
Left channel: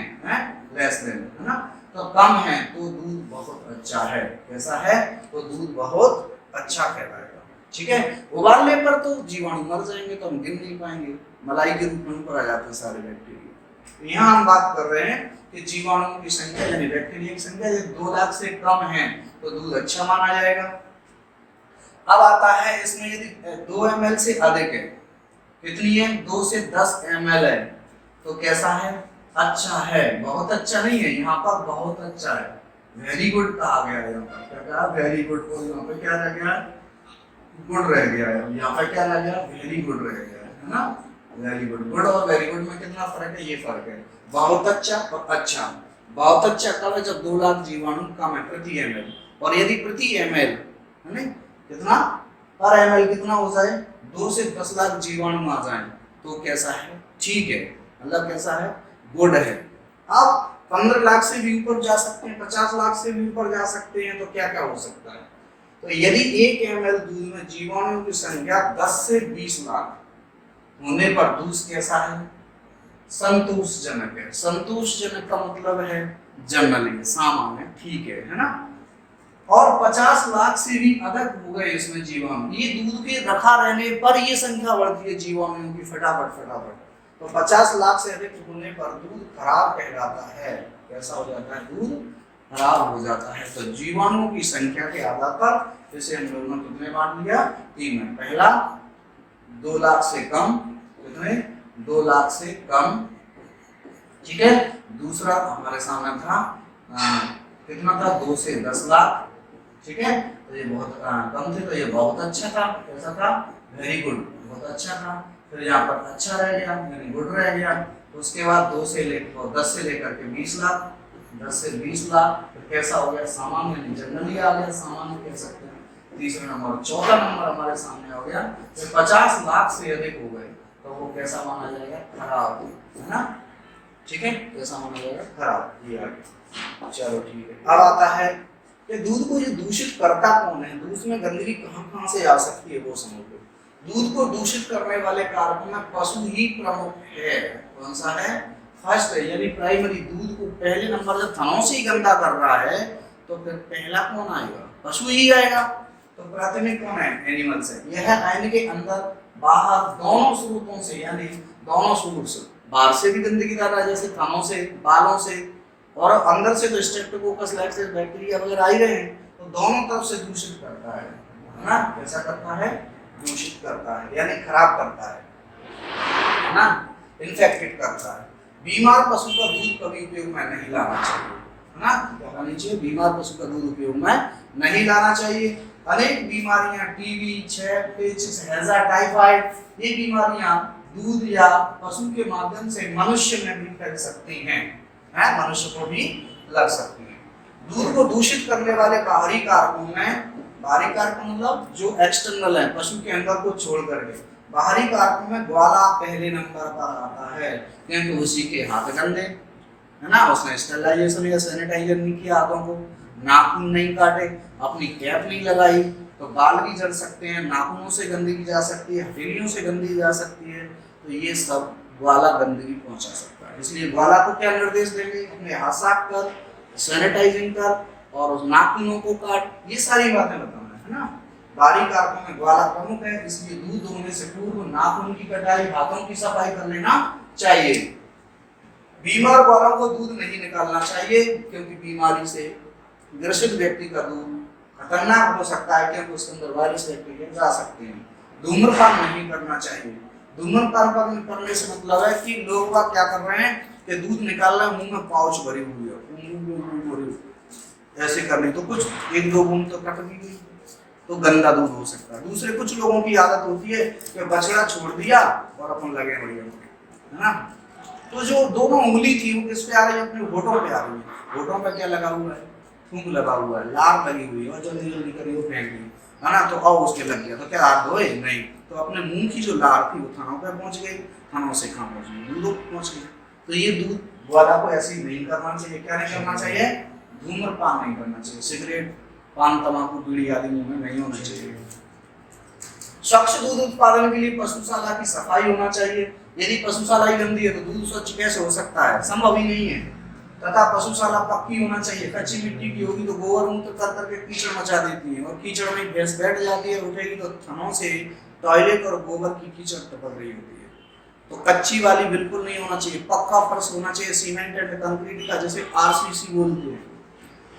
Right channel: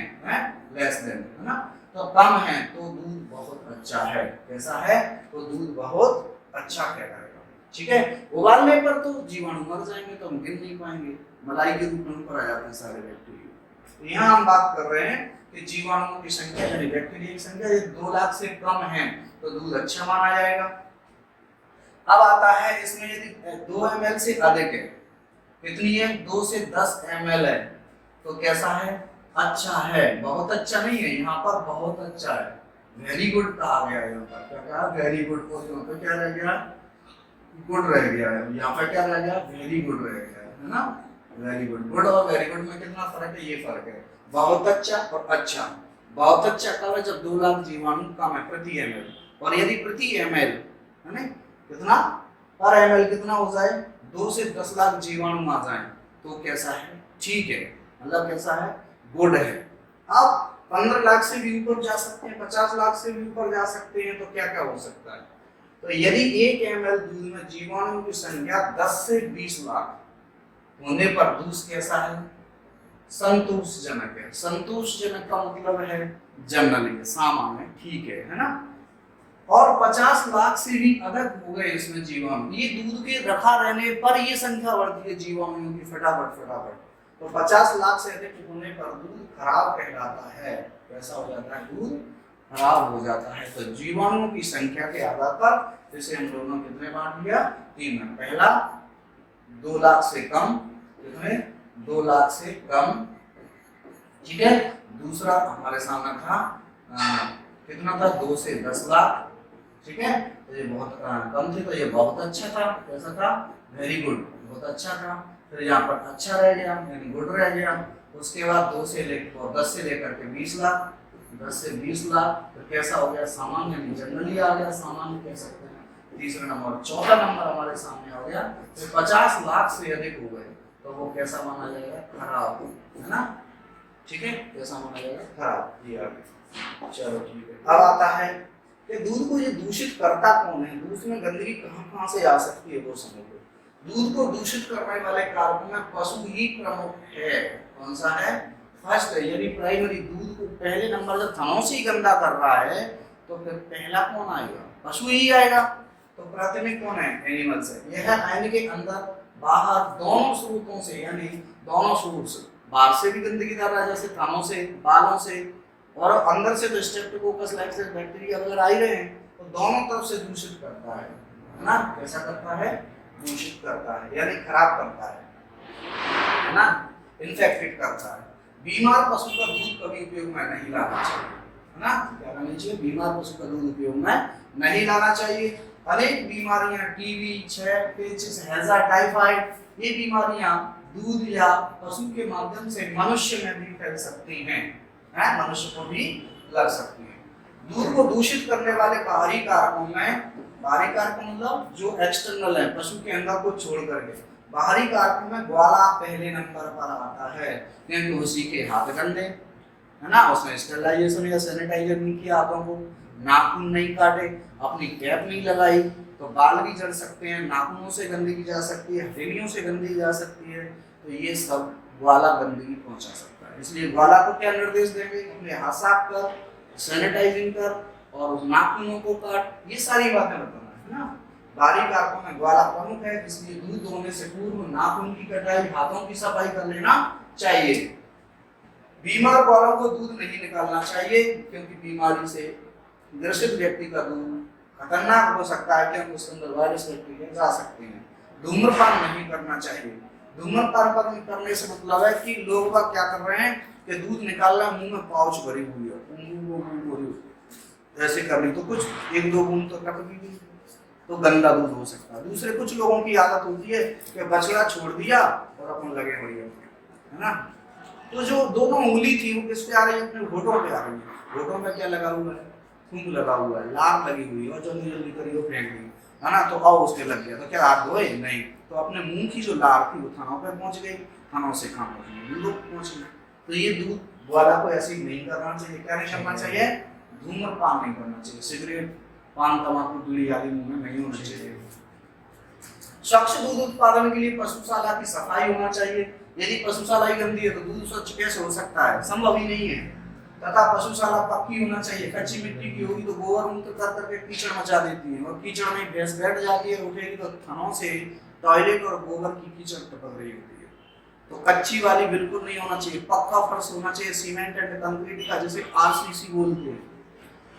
लेस देन, है ना, तो कम है तो दूध बहुत अच्छा है। कैसा है? तो दूध बहुत अच्छा कहलाएगा। ठीक है, उबालने पर तो जीवाणु मर जाएंगे, तो हम गिन नहीं पाएंगे, मलाई के रूप में ऊपर आ जाते हैं सारे बैक्टीरिया। तो यहाँ हम बात कर रहे हैं कि जीवाणुओं की संख्या यानी बैक्टीरिया की संख्या 2 लाख से कम है तो दूध अच्छा माना जाएगा। अब आता है इसमें यदि 2 ml से अधिक है, कितनी है? 2 से 10 ml है, तो कैसा है? अच्छा है। बहुत अच्छा नहीं है, यहाँ पर बहुत अच्छा है, वेरी गुड कहा गया है। यहाँ पर क्या कहा? Very good. और यहाँ पे क्या रह गया? गुड रह गया है। यहाँ पे क्या रह गया? वेरी गुड रह गया है ना, वेरी गुड। गुड और वेरी गुड में कितना फर्क है? ये फर्क है, बहुत अच्छा और अच्छा। बहुत अच्छा कब है? जब 2 लाख जीवाणु कम है प्रति ml, और यदि प्रति ml है ना कितना? पर ml कितना हो जाए? 2 से 10 लाख जीवाणु आ जाए तो कैसा है? ठीक है, मतलब कैसा है? गुड है। अब 15 लाख से भी ऊपर जा सकते हैं, 50 लाख से भी ऊपर जा सकते हैं, तो क्या क्या हो सकता है? तो यदि 1 ml दूध में जीवाणुओं की संख्या 10 से 20 लाख होने पर दूध कैसा है? संतोषजनक है। संतोषजनक का मतलब है जनरली, सामान्य, ठीक है ना। और 50 लाख से भी अधिक हो गए इसमें जीवाणु, ये दूध के रखा रहने पर ये संख्या बढ़ती है जीवाणुओं की फटाफट फटाफट। तो 50 लाख से अधिक होने पर दूध खराब कहलाता है। कैसा हो जाता है? दूध खराब हो जाता है। तो जीवाणुओं की संख्या के आधार पर इसे हम लोगों ने कितने बांट लिया? 3 में। पहला 2 लाख से कम, कितने? 2 लाख से कम, ठीक है। दूसरा हमारे सामने था कितना था? 2 से 10 लाख, ठीक है। तो ये बहुत कम थे, तो ये बहुत अच्छा था। कैसा था? वेरी गुड, बहुत अच्छा था। फिर यहाँ पर अच्छा रह गया यानी गुड रह गया। उसके बाद 2 से लेकर 10 से लेकर के 20 लाख, 10 से 20 लाख, तो कैसा हो गया? सामान्य, जनरली आ गया, सामान्य कह सकते हैं। तीसरा नंबर, चौथा नंबर हमारे सामने हो गया, तो 50 लाख से अधिक हो गए तो वो कैसा माना जाएगा? खराब, है ना, ठीक है, कैसा माना जाएगा? खराब। ये आ गया, चलो ठीक है। अब आता है कि दूध को ये दूषित करता कौन है? दूध में गंदगी कहाँ कहाँ से आ सकती है वो समझो। दूध को दूषित करने वाले कारकों में पशु ही प्रमुख है। कौन सा है? फर्स्ट है, यानी प्राइमरी। दूध को पहले नंबर जब थनों से ही गंदा कर रहा है तो फिर पहला कौन आएगा? पशु ही आएगा। तो प्राथमिक कौन है? एनिमल्स है। यह है आयन के अंदर बाहर दोनों स्रोतों से, यानी दोनों सोर्स, बाहर से भी गंदगी कर रहा है जैसे थनों से, बालों से, और अंदर से तो स्ट्रेप्टोकोकस लाइसेंस बैक्टीरिया वगैरह आ ही रहे हैं, तो दोनों तरफ से दूषित करता है ना। कैसा करता है? दूषित करता है, यानी खराब करता है ना, इन्फेक्टेड करता है। बीमार पशु का दूध कभी उपयोग में नहीं लाना चाहिए, है ना। क्या करना चाहिए? बीमार पशु का दूध उपयोग में नहीं लाना चाहिए। अनेक बीमारियां, टीबी, क्षय, पेचिश, हैजा, टाइफाइड, ये बीमारियां दूध या पशु के माध्यम से मनुष्य में भी फैल सकती हैं, मनुष्य को भी लग सकती है। दूध को दूषित करने वाले बाहरी कारकों में बाहरी कारक मतलब जो एक्सटर्नल है, पशु के अंदर को छोड़ करके। बाहरी कारकों में ग्वाला पहले नंबर पर आता है, क्योंकि उसी के हाथ गंदे है ना, उसने स्टेरिलाइजेशन या सैनिटाइजर नहीं किया हाथों को, नाखून नहीं काटे, अपनी कैप नहीं लगाई, तो बाल भी जल सकते हैं, नाखूनों से गंदगी जा सकती है, हथेलियों से गंदगी जा सकती है, तो ये सब ग्वाला गंदगी पहुंचा सकता है। इसलिए ग्वाला को क्या निर्देश देंगे, अपने हाथ साफ कर, सैनिटाइजिंग कर और उस नाखूनों को काट, ये सारी बातें बताना है ना। बाहरी कारकों में ग्वाला प्रमुख है, इसलिए दूध दोहने से पूर्व नाखून की कटाई, हाथों की सफाई कर लेना चाहिए। बीमार ग्वालों को दूध नहीं निकालना चाहिए, क्योंकि बीमारी से ग्रसित व्यक्ति का दूध खतरनाक हो सकता है, क्योंकि उसके अंदर वायरस बैक्टीरिया जा सकते हैं। धूम्रपान नहीं करना चाहिए। धूम्रपान करने से मतलब है कि लोग क्या कर रहे हैं कि दूध निकाल रहे हैं, मुंह में पाउच भरी हुई है, ऐसे कर ली तो कुछ एक दो बूंद तो टपकी गई, तो गंदा दूध हो सकता है। दूसरे कुछ लोगों की आदत होती है कि बछड़ा छोड़ दिया और अपन लगे बढ़िया, है ना। तो जो दोनों उंगली थी वो किस पे आ रही है, अपने होठों पे आ रही है। होठों पे क्या लगा हुआ है, थूक लगा हुआ है, लार लगी हुई है, और जल्दी जल्दी करी वो फेंक दी, है ना, तो अब उसके लग गया, तो क्या हाथ धोए नहीं, तो अपने मुंह की जो लार थी वो थनों पे पहुंच गई, थनों से कहाँ पहुंच गई, दूध पहुंच गई। तो ये दूध ग्वाला को ऐसे ही नहीं करना चाहिए। क्या नहीं करना चाहिए, धूम्रपान नहीं करना चाहिए, सिगरेट, पान, तंबाकू, बीड़ी आदि मुंह में नहीं होना चाहिए। स्वच्छ दूध उत्पादन के लिए पशुशाला की सफाई होना चाहिए। यदि पशुशाला ही गंदी है तो दूध स्वच्छ कैसे हो सकता है, संभव ही नहीं है। तथा पशुशाला पक्की होना चाहिए। कच्ची मिट्टी की होगी तो गोबर मूत्र कर करके कीचड़ मचा देती है, और कीचड़ में भैंस बैठ जाती है, उठेगी तो थनों से टॉयलेट और गोबर की कीचड़ टपक रही होती है। तो कच्ची वाली बिल्कुल नहीं होना चाहिए। पक्का फर्श होना चाहिए, सीमेंट एंड कंक्रीट का, जैसे आरसीसी बोलते हैं,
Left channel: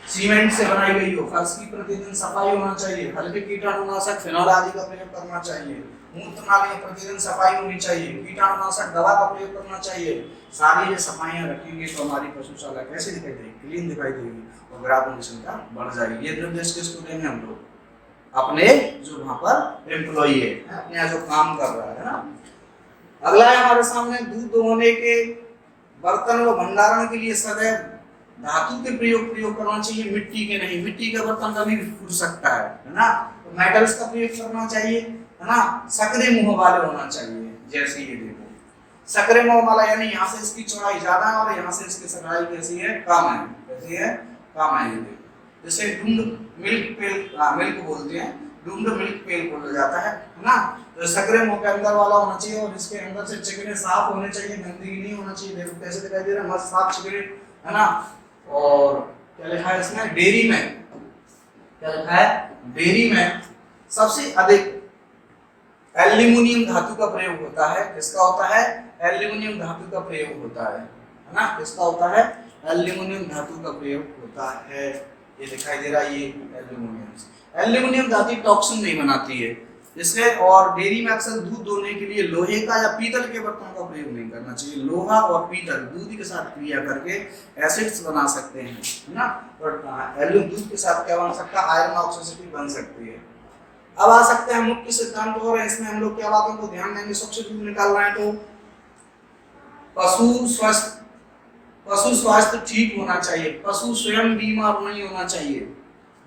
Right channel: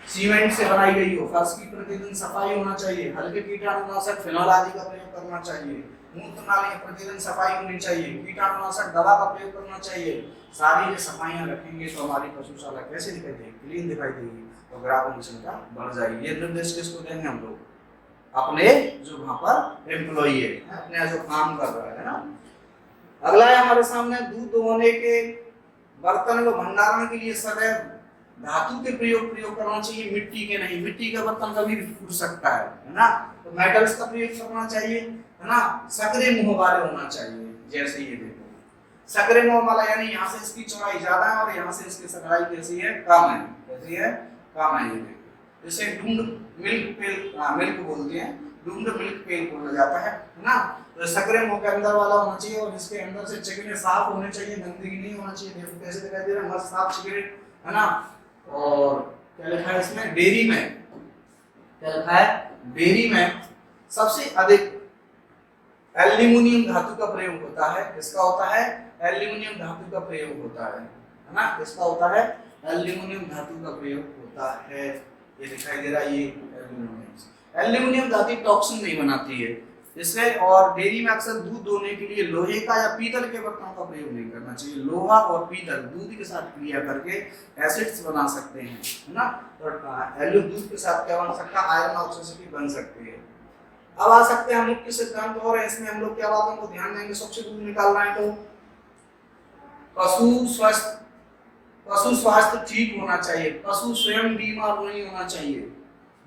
सीमेंट से बनाई गई हो। फर्श की प्रतिदिन सफाई होना चाहिए। हल्के कीटाणुनाशक फिनोल आदि का प्रयोग करना चाहिए। मूत्र नाली प्रतिदिन सफाई होनी चाहिए। कीटाणुनाशक दवा का प्रयोग करना चाहिए। सारी ये सफाइयां रखेंगे तो हमारी पशुशाला कैसे दिखाई देगी, क्लीन दिखाई देगी, और ग्राहकों की संख्या बढ़ जाएगी। ये निर्देश किसको देंगे हम लोग, अपने जो वहां पर एम्प्लॉई है, अपने यहाँ जो काम कर रहा है ना। अगला है हमारे सामने, दूध दोहने के बर्तन व भंडारण के लिए सदैव धातु के प्रयोग करना चाहिए, मिट्टी के नहीं। मिट्टी का बर्तन कभी भी फूट सकता है ना, तो मेटल्स का प्रयोग करना चाहिए, है ना। सकरे मुंह वाले होना चाहिए, जैसे ये देखो सकरे मुंह वाला, यानी यहाँ से इसकी चौड़ाई ज्यादा है और यहाँ से इसकी चौड़ाई कैसी है, कम है, कैसी है, कम है। ये देखो जैसे डूम्ड मिल्क पेल, मिल्क बोलते हैं, डूम्ड मिल्क पेल बोला जाता है ना। तो सकरे मुंह के अंदर वाला होना चाहिए, और इसके अंदर से चिकने साफ होने चाहिए, गंदगी नहीं होना चाहिए। देखो कैसे दिखाई दे रहा है, मस्त साफ चिकने, है ना। और क्या लिखा है इसमें, डेयरी में, क्या लिखा है, डेयरी में सबसे अधिक एल्यूमिनियम धातु का प्रयोग होता है। किसका होता है, एल्यूमिनियम धातु का प्रयोग होता है ना। किसका होता है, एल्यूमिनियम धातु का प्रयोग होता है। ये दिखाई दे रहा है, ये एल्यूमिनियम धातु टॉक्सिन नहीं बनाती है इससे। और डेयरी में अक्सर दूध दोहने के लिए लोहे का या पीतल के बर्तनों का प्रयोग नहीं करना चाहिए। लोहा और पीतल दूध के साथ क्रिया करके एसिड्स बना सकते हैं, है ना। और दूध के साथ क्या बन सकता है, आयरन ऑक्सीडेटी बन सकती है। अब आ सकते हैं मुख्य सिद्धांत, और इसमें हम लोग क्या बातों को ध्यान देंगे। स्वच्छ दूध निकालना है तो पशु स्वास्थ्य ठीक होना चाहिए, पशु स्वयं बीमार नहीं होना चाहिए।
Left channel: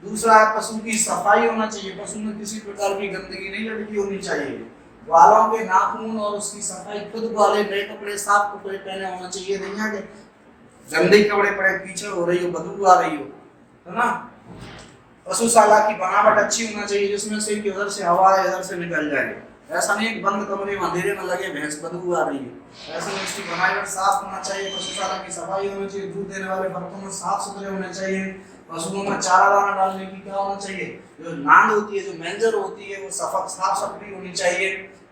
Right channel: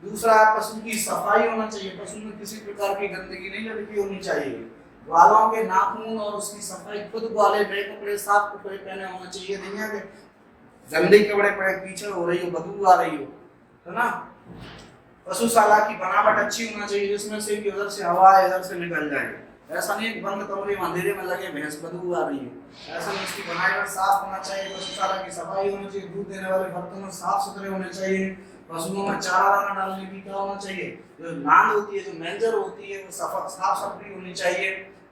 दूसरा है पशु की सफाई होना चाहिए, पशु में किसी प्रकार की गंदगी नहीं लड़की होनी चाहिए। ग्वालों के नाखून और उसकी सफाई, खुद ग्वाले नए कपड़े, साफ कपड़े पहने होना चाहिए, नहीं है कि गंदे कपड़े पहने कीचड़ हो रही हो, बदबू आ रही हो, है ना। पशुशाला की बनावट अच्छी होना चाहिए, जिसमें से कि उधर से हवा इधर से निकल जाए। ऐसा नहीं कि बंद कमरे में अंधेरे में लगे भैंस बदबू आ रही है, ऐसा नहीं। उसकी बनावट साफ होना चाहिए, पशुशाला की सफाई होनी चाहिए, दूध देने वाले बर्तन साफ सुथरे होने चाहिए, पशुओं में चारा दाना डालने की क्या होना चाहिए, जो नांद होती है, जो मेंजर होती है, वो साफ सफाई होनी चाहिए।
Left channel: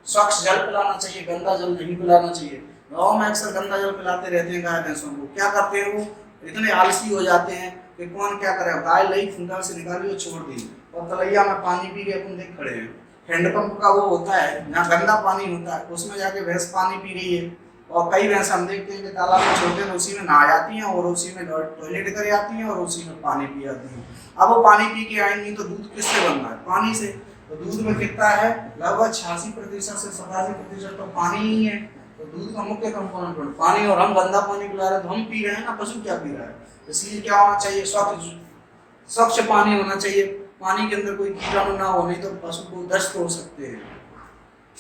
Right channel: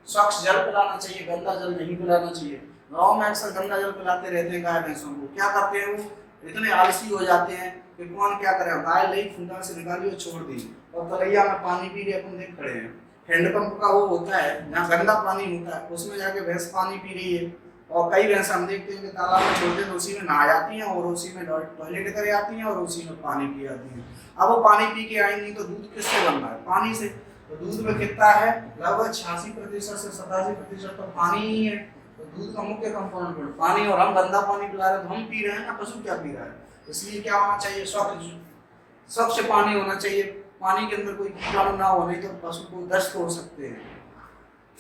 स्वच्छ जल पिलाना चाहिए, गंदा जल नहीं पिलाना चाहिए। गाँव में अक्सर गंदा जल पिलाते रहते हैं गाय भैंसों को। क्या करते हैं, वो इतने आलसी हो जाते हैं कि कौन क्या करे, गाय लई खूंटा से निकाली और छोड़ दी, और तलैया में पानी पी के अपन देख खड़े हैं। हैंडपंप का वो होता है जहाँ गंदा पानी होता है, उसमें जाके भैंस पानी पी रही है। और कई भैंस हम देखते हैं कि तालाब में छोड़ते हैं तो उसी में नहा जाती हैं, और उसी में टॉयलेट कर आती हैं, और उसी में पानी पी आती हैं। अब वो पानी पी के आएंगी तो दूध किससे बन रहा है, पानी से। तो दूध में कितना है, लगभग 86% से 87% तो पानी ही है। तो दूध का मुख्य कंपोनेंट पानी, और हम गंदा पानी पिला रहे हैं, तो हम पी रहे हैं ना, पशु क्या पी रहा है। इसलिए क्या होना चाहिए, स्वच्छ पानी होना चाहिए। पानी के अंदर कोई कीटाणु ना हो, नहीं तो पशु को दस्त हो सकते हैं,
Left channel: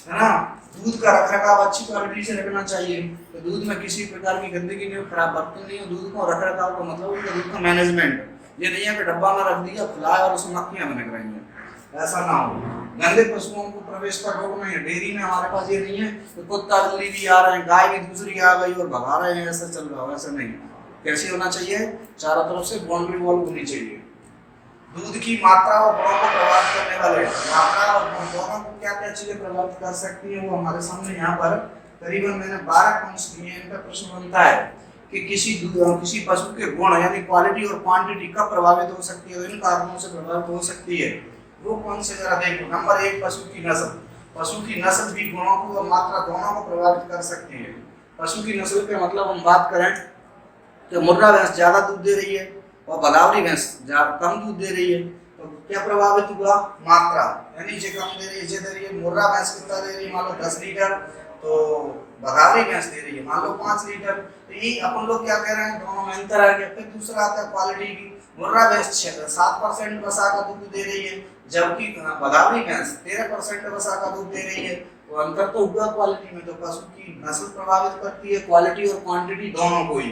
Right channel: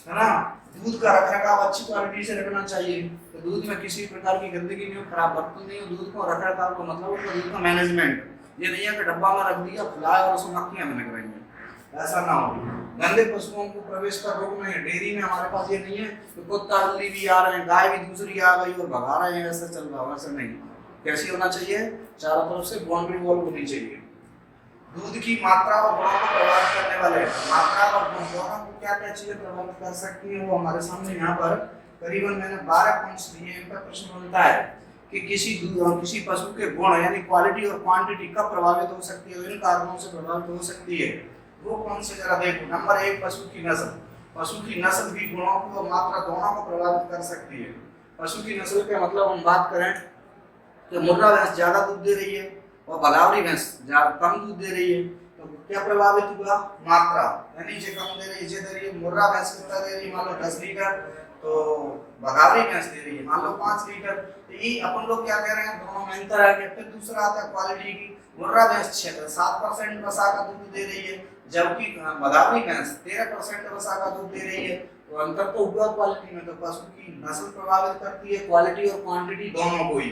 है ना। दूध का रखरखाव अच्छी क्वालिटी से रखना चाहिए, तो दूध में किसी प्रकार की गंदगी नहीं हो, खराब बर्तन नहीं हो। दूध को रखरखाव का मतलब है दूध का मैनेजमेंट, ये नहीं है कि डब्बा में रख दिया फुलाया और उसमें मक्खियां बने रहेंगे, ऐसा ना हो। गंदे पशुओं को प्रवेश का रोक नहीं है। डेयरी में हमारे पास ये नहीं है कि कुत्ता बिल्ली भी आ रहे हैं, गाय भी दूसरी आ गई और भगा रहे हैं, ऐसा चल रहा हो, ऐसा नहीं। कैसी होना चाहिए, चारों तरफ से बाउंड्री वॉल होनी चाहिए। दूध की मात्रा और गुणों को प्रभावित करने वाले, मात्रा और गुण दोनों को क्या क्या चीजें प्रभावित कर सकती हैं, वो हमारे सामने यहाँ पर करीबन मैंने 12 पॉइंट्स दिए हैं। इनका प्रश्न बनता है कि किसी पशु के गुण यानी क्वालिटी और क्वांटिटी कब प्रभावित हो सकती है, इन कारणों से प्रभावित हो सकती है। वो कौन से जरा देखो। नंबर 1, पशु की नस्ल। पशु की नस्ल भी गुणों को और मात्रा दोनों को प्रभावित कर सकती है। पशु की नस्ल के मतलब हम बात करें कि मुर्रा भैंस ज्यादा दूध दे रही है और बगावरी भैंस कम दूध दे रही है, तो क्या प्रभावित हुआ, मात्रा, यानी जे कम दे रही है, जे दे रही है। मुर्रा भैंस कितना दे रही है, मान लो 10 लीटर, तो बगावरी भैंस दे रही है मान लो 5 लीटर। तो ये अपन लोग क्या कह रहे हैं, दोनों में अंतर है। फिर दूसरा आता है क्वालिटी की। मुर्रा भैंस 7% वसा का दूध दे रही है, जबकि बगावरी भैंस 13% वसा का दूध दे रही है। तो अंतर तो हुआ क्वालिटी में। तो पशु की नस्ल प्रभावित करती है, क्वालिटी और क्वांटिटी दोनों को ही।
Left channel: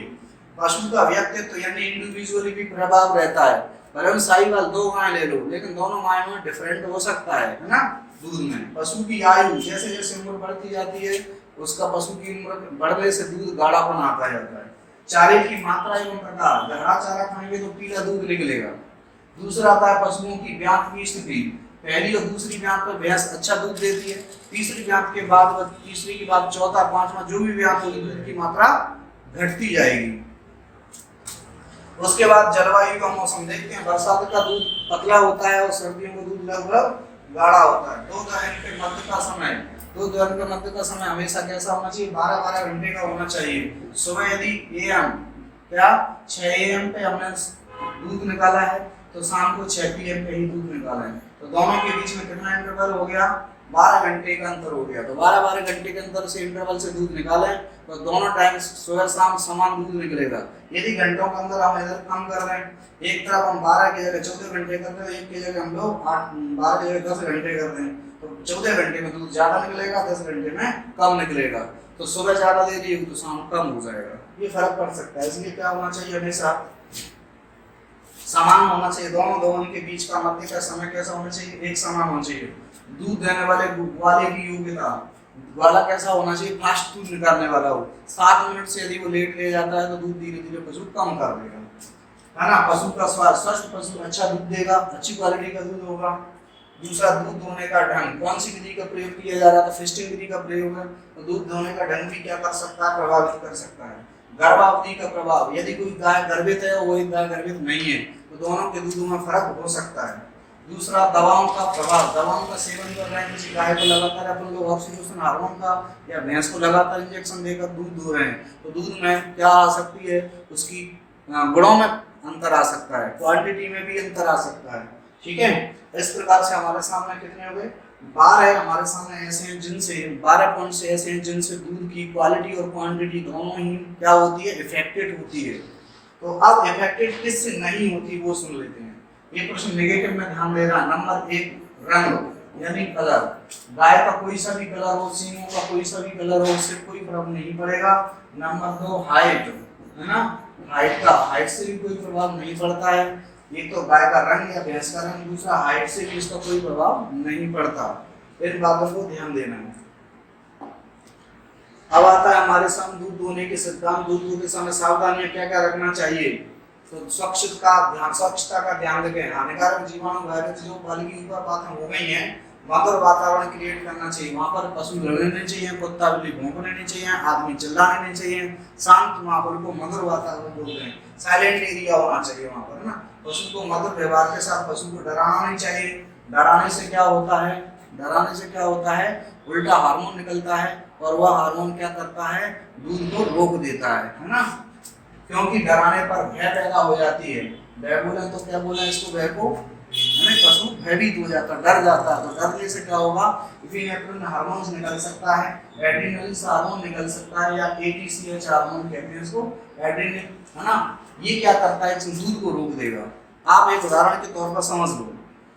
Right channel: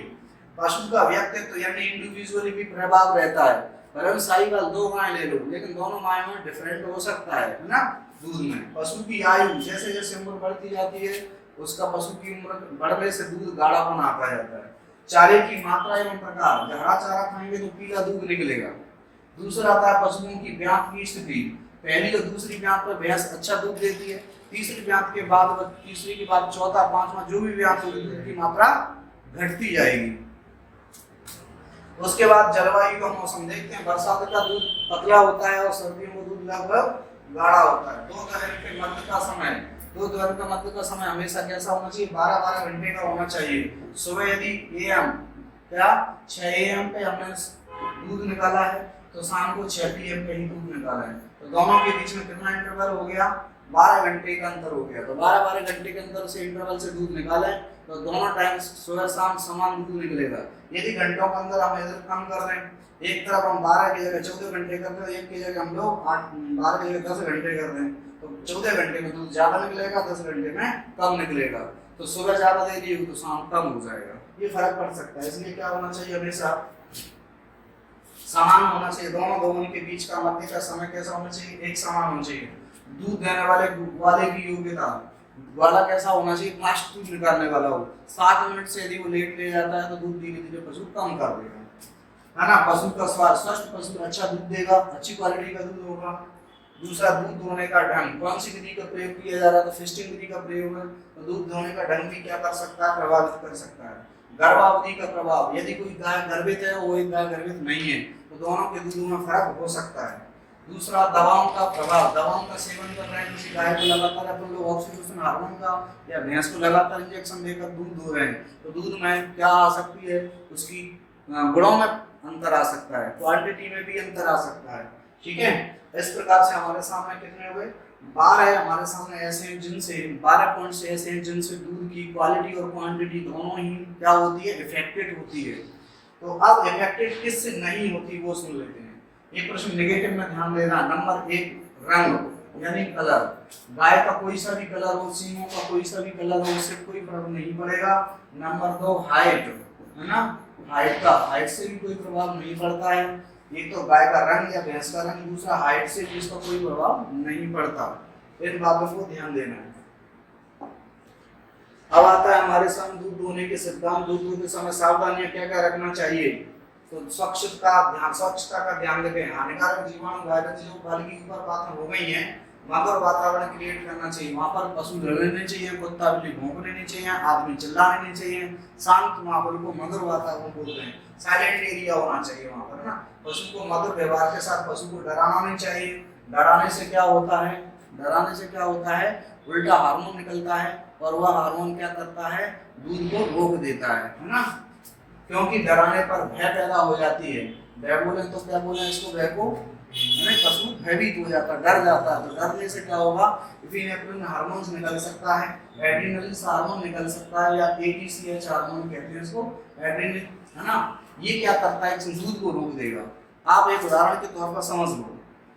पशु का व्यक्तित्व यानी इंडिविजुअली भी प्रभाव रहता है। भले साहिवाल 2 गाय ले लो, लेकिन दोनों गाय में डिफरेंट हो सकता है ना दूध में। पशु की आयु जैसे जैसे उम्र बढ़ती जाती है, उसका पशु की उम्र बढ़ने से दूध गाढ़ापन आता जाता है। चारे की मात्रा एवं प्रकार, हरा चारा खाएंगे तो पीला दूध निकलेगा। दूसरा आता है पशुओं की ब्यात की स्थिति। पहली और दूसरी ब्यात पर भैंस अच्छा दूध देती है, तीसरी ब्यात के बाद, तीसरी के बाद चौथा, पांचवा जो भी ब्यात होगी, दूध की मात्रा घटती जाएगी। उसके बाद जलवायु का मौसम देखते हैं। बरसात का दूध पतला होता है और सर्दियों में दूध लगभग गाढ़ा होता है। दो दहन के मध्य का समय हमेशा कैसा होना चाहिए, 12-12 घंटे का होना चाहिए। सुबह यदि AM क्या 6 AM पे हमने दूध निकाला है, तो शाम को 6 PM पे ही दूध निकाला है। तो दोनों के बीच में कितना इंटरवल हो गया, 12 घंटे का अंतर हो गया। तो 12-12 घंटे के अंतर से इंटरवल से दूध निकालें तो दोनों टाइम सुबह शाम समान दूध निकलेगा। यदि घंटों के अंदर हम इधर कम कर रहे हैं, एक तरफ हम 12 की जगह 14 घंटे करते हैं, एक की जगह हम लोग 12 की जगह 10 घंटे कर रहे हैं, तो 14 घंटे में दूध ज्यादा निकलेगा, 10 घंटे में कम निकलेगा। तो सुबह ज्यादा दे दी तो शाम कम हो जाएगा, ये फर्क पड़ सकता है। इसलिए क्या होना चाहिए, हमेशा समान होना चाहिए। दोनों के बीच का मध्य का समय कैसा होना चाहिए, एक समान होना चाहिए। दूध देने वाले की योग्यता वाला कैसा होना चाहिए, फास्ट दूध निकालने वाला हो। 7 मिनट से यदि वो लेट ले जाता है तो दूध धीरे धीरे पशु कम कर देगा, है ना। पशु का स्वस्थ पशु अच्छा दूध देगा, अच्छी क्वालिटी का दूध होगा। दूसरा, दूध धोने का ढंग, कौन सी विधि का प्रयोग किया जा रहा है, तो फिस्टिंग विधि का प्रयोग है। तो दूध धोने का ढंग भी क्या कर सकता है, प्रभावित कर सकता है। गर्भावधि का प्रभाव, यदि कोई गाय गर्भित है वो एक गाय गर्भित नहीं है, तो दोनों के दूधों में फर्क हो सकता है। दूसरा, दवाओं का प्रभाव, दवाओं का सेवन कर रहे हैं, किसी गाय को लगातार अपन लोग ऑक्सीटोसिन हार्मोन का या भैंस को लगातार इंजेक्शन देकर दूध धो रहे हैं, तो दूध में क्या आ सकती है, उसकी गुणों में अंतर आ सकता है, क्वांटिटी में भी अंतर आ सकता है। ठीक है, इस प्रकार से हमारे सामने कितने हुए, 12 हमारे सामने ऐसे हैं जिनसे 12 पॉइंट से ऐसे हैं जिनसे दूध की क्वालिटी और क्वांटिटी दोनों ही क्या होती है, इफेक्टेड होती है। तो अब इफेक्टेड किससे नहीं होती वो सुन लेते हैं। ये प्रश्न नेगेटिव में ध्यान देना। नंबर 1, रंग यानी कलर। गाय का कोई सा भी कलर हो, सींगों का कोई सा भी कलर हो, उससे कोई फर्क नहीं पड़ेगा। नंबर 2, हाइट, है ना, हाइट से भी कोई प्रभाव नहीं पड़ता है। एक तो गाय का रंग या भैंस का रंग, दूसरा हाइट से भी इसका कोई प्रभाव नहीं पड़ता। इन बातों को ध्यान देना है। अब आता है हमारे सामने दूध धोने के सिद्धांत। दूध धोते समय सावधानियां क्या क्या रखना चाहिए, तो स्वच्छता का ध्यान रखें। हानिकारक जीवाणु वायरस जो फल की ऊपर बातें हो गई हैं, मधुर वातावरण क्रिएट करना चाहिए। वहां पर पशु लड़ने नहीं चाहिए, कुत्ता बिल्ली भौंकने नहीं चाहिए, आदमी चिल्लाने नहीं चाहिए। शांत माहौल को मधुर वातावरण बोलते हैं। साइलेंट एरिया होना चाहिए वहां पर, है ना। पशु को मधुर व्यवहार के साथ पशु को डराना नहीं चाहिए। डराने से क्या होता है, उल्टा हार्मोन निकलता है और वह हार्मोन क्या करता है, दूध को रोक देता है ना। क्योंकि डराने पर भय पैदा हो जाती है। भय बोले तो क्या बोले इसको, भय को पशु भयभीत हो जाता है, डर जाता है। तो डरने से क्या होगा, इपिनेफ्रिन हार्मोन निकल सकता है, एड्रेनलिन हार्मोन निकल सकता है, या ATCH हार्मोन कहते हैं इसको, एड्रेनलिन, है ना। ये क्या करता है, दूध को रोक देगा। आप एक उदाहरण के तौर पर समझ लो,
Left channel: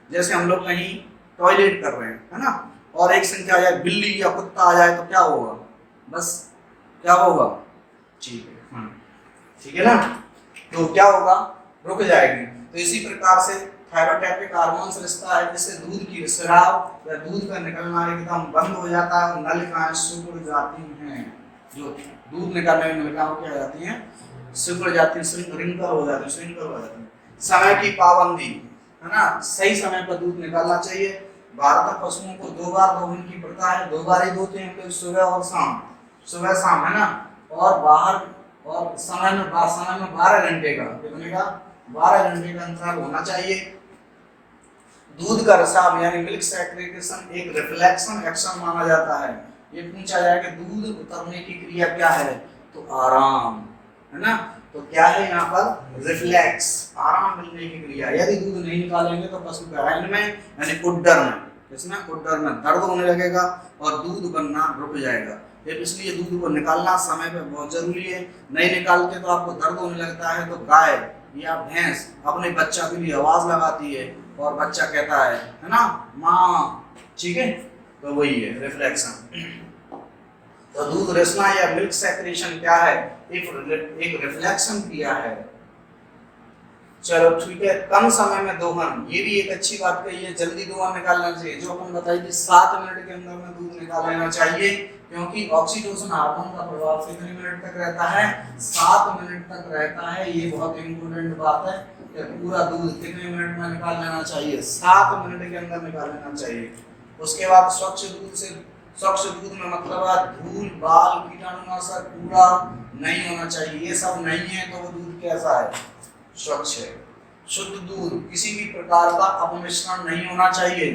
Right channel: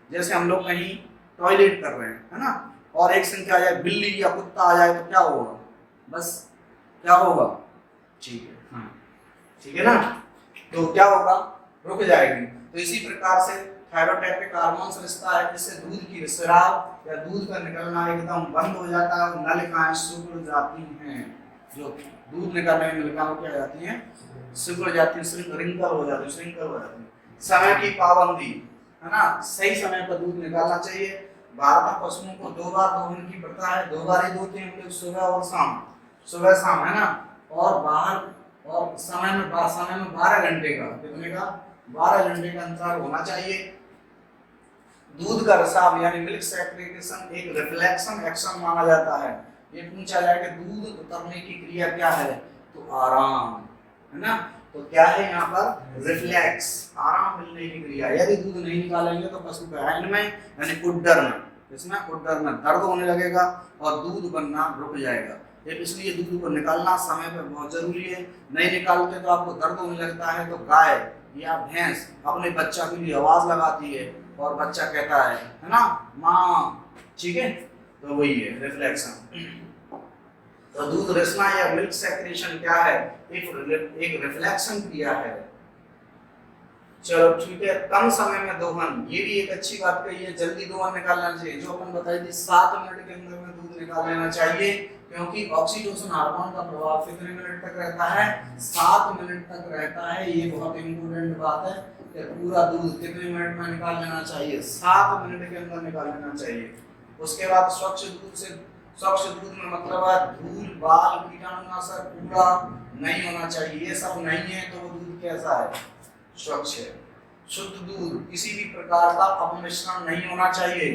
जैसे हम लोग कहीं टॉयलेट कर रहे हैं, है ना, और एक संख्या आ जाए, बिल्ली या कुत्ता आ जाए, तो क्या होगा, बस क्या होगा, ठीक है, हाँ ठीक है ना, तो क्या होगा, रुक जाएगी। तो इसी प्रकार से थायरोटैपिक हार्मोन्स रिश्ता है जिससे दूध की स्राव या दूध का निकलना एकदम बंद हो जाता है, नलिकाएं सिकुड़ जाती हैं, जो दूध निकालने में नलिकाएं क्या हो जाती हैं, सिकुड़ जाती हैं, रिंकल हो जाती है, श्रिंकल हो जाती है। समय की पाबंदी, है ना, सही समय पर दूध निकालना चाहिए। भारत में पशुओं को 2 बार दोहन की प्रथा है, 2 बार ही दोते हैं, सुबह और शाम, सुबह शाम, है ना, और बाहर और समय में 12 घंटे का, कितने का, 12 घंटे का अंतराल होना चाहिए। दूध का रिसाव यानी मिल्क सेक्रेशन एक रिफ्लेक्शन एक्शन माना जाता है। ये पूछा जाए कि दूध उतरने की क्रिया क्या है, तो आराम, है ना, तो क्या है यहाँ पर, रिफ्लेक्स, आराम मिलने की क्रिया। यदि दूध नहीं निकालेंगे तो पशु के हैंड में यानी उड्डर में, किसमें, उड्डर में दर्द होने लगेगा और दूध बनना रुक जाएगा। इसलिए दूध को निकालना समय पे बहुत जरूरी है। नहीं निकालते तो आपको दर्द होने लगता है, तो गाय या भैंस अपने बच्चा के लिए आवाज लगाती है और बच्चा कहता है ना, माँ, ठीक है, तो वही है रिफ्लेक्शन। तो दूध रिसना या मिल्क सेक्रेशन क्या है, एक रिफ्लेक्शन क्रिया है। चलो ठीक है, कम समय में दोहन, ये भी एक अच्छी बात कही है, जल्दी दोहन निकालना चाहिए। जो अपन बताई थी 7 मिनट के अंदर में दूध निकाल लेना चाहिए, क्योंकि ऑक्सीटोसिन हार्मोन का प्रभाव कितने मिनट तक रहता है, 7 मिनट तक रहता है। ये बहुत इंपॉर्टेंट बात है कि पूरा दूध कितने मिनट में निकाल लेना चाहिए, 7 मिनट के अंदर निकाल लेना चाहिए। उसके बाद स्वच्छ दूध में मतलब है धूल, बाल, कीटाणुनाशक, कूड़ा नहीं होना चाहिए, ये सब नहीं है तो वो दूध कैसा है, स्वच्छ है। शुद्ध दूध, किसी भी प्रकार का अपमिश्रण नहीं होना चाहिए।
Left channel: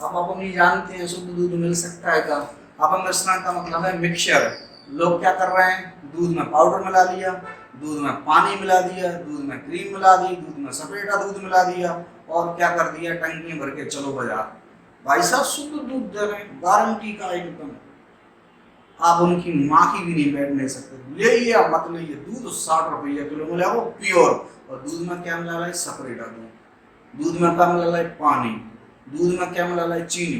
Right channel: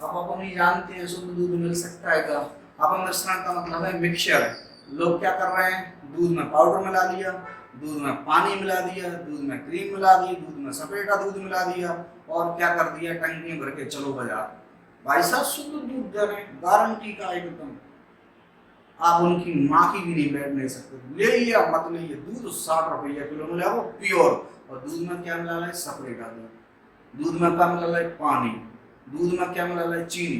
अब आप नहीं जानते हैं शुद्ध दूध मिल सकता है क्या, अपमिश्रण का मतलब है मिक्सचर। लोग क्या कर रहे हैं, दूध में पाउडर मिला लिया, दूध में पानी मिला दिया, दूध में क्रीम मिला दी, दूध में सपेटा दूध मिला दिया और क्या कर दिया, टंकी भर के चलो बाजार। भाई साहब शुद्ध दूध दे रहे हैं, गारंटी का एकदम, आप उनकी माँ की भी नहीं बैठ नहीं सकते, ले या मत ले, दूध 60 रुपया किलो मिला वो प्योर। और दूध में क्या मिला है, सपरेटा दूध में क्या मिला है, पानी, दूध में क्या मिला है, चीनी,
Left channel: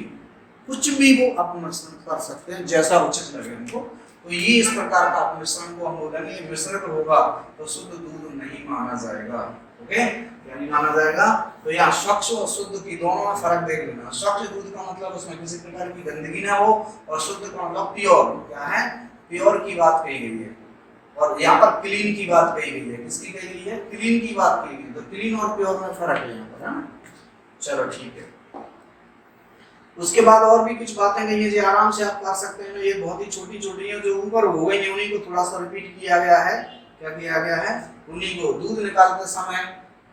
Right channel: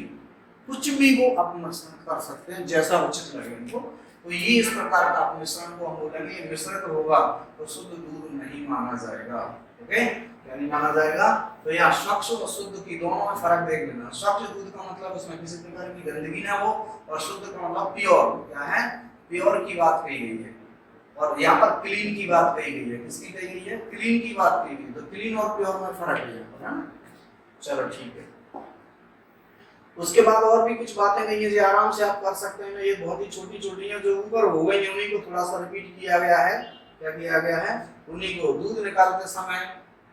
कुछ भी वो अपमिश्रण कर सकते हैं जैसा उचित लगे उनको। तो ये इस प्रकार का अपमिश्रण को हम बोलेंगे मिश्रित होगा तो शुद्ध दूध नहीं माना जाएगा। ओके, क्या नहीं माना जाएगा, तो यहाँ स्वच्छ और शुद्ध की दोनों में फर्क देख लेना। स्वच्छ दूध का मतलब उसमें किसी प्रकार की गंदगी ना हो, और शुद्ध का मतलब प्योर, क्या है, प्योर की बात कही गई है। और यहाँ पर क्लीन की बात कही गई है, किसकी कही गई है, क्लीन की बात कही गई। तो क्लीन और प्योर में फर्क है यहाँ पर, है ना। चलो ठीक है, उसके बाद और भी कुछ बातें कही है जो आराम से आप कर सकते हैं। ये बहुत ही छोटी छोटी है, जो ऊपर हो गई उन्हीं को थोड़ा सा रिपीट किया गया है। क्या किया गया है, उन्हीं को। दूध निकालते समय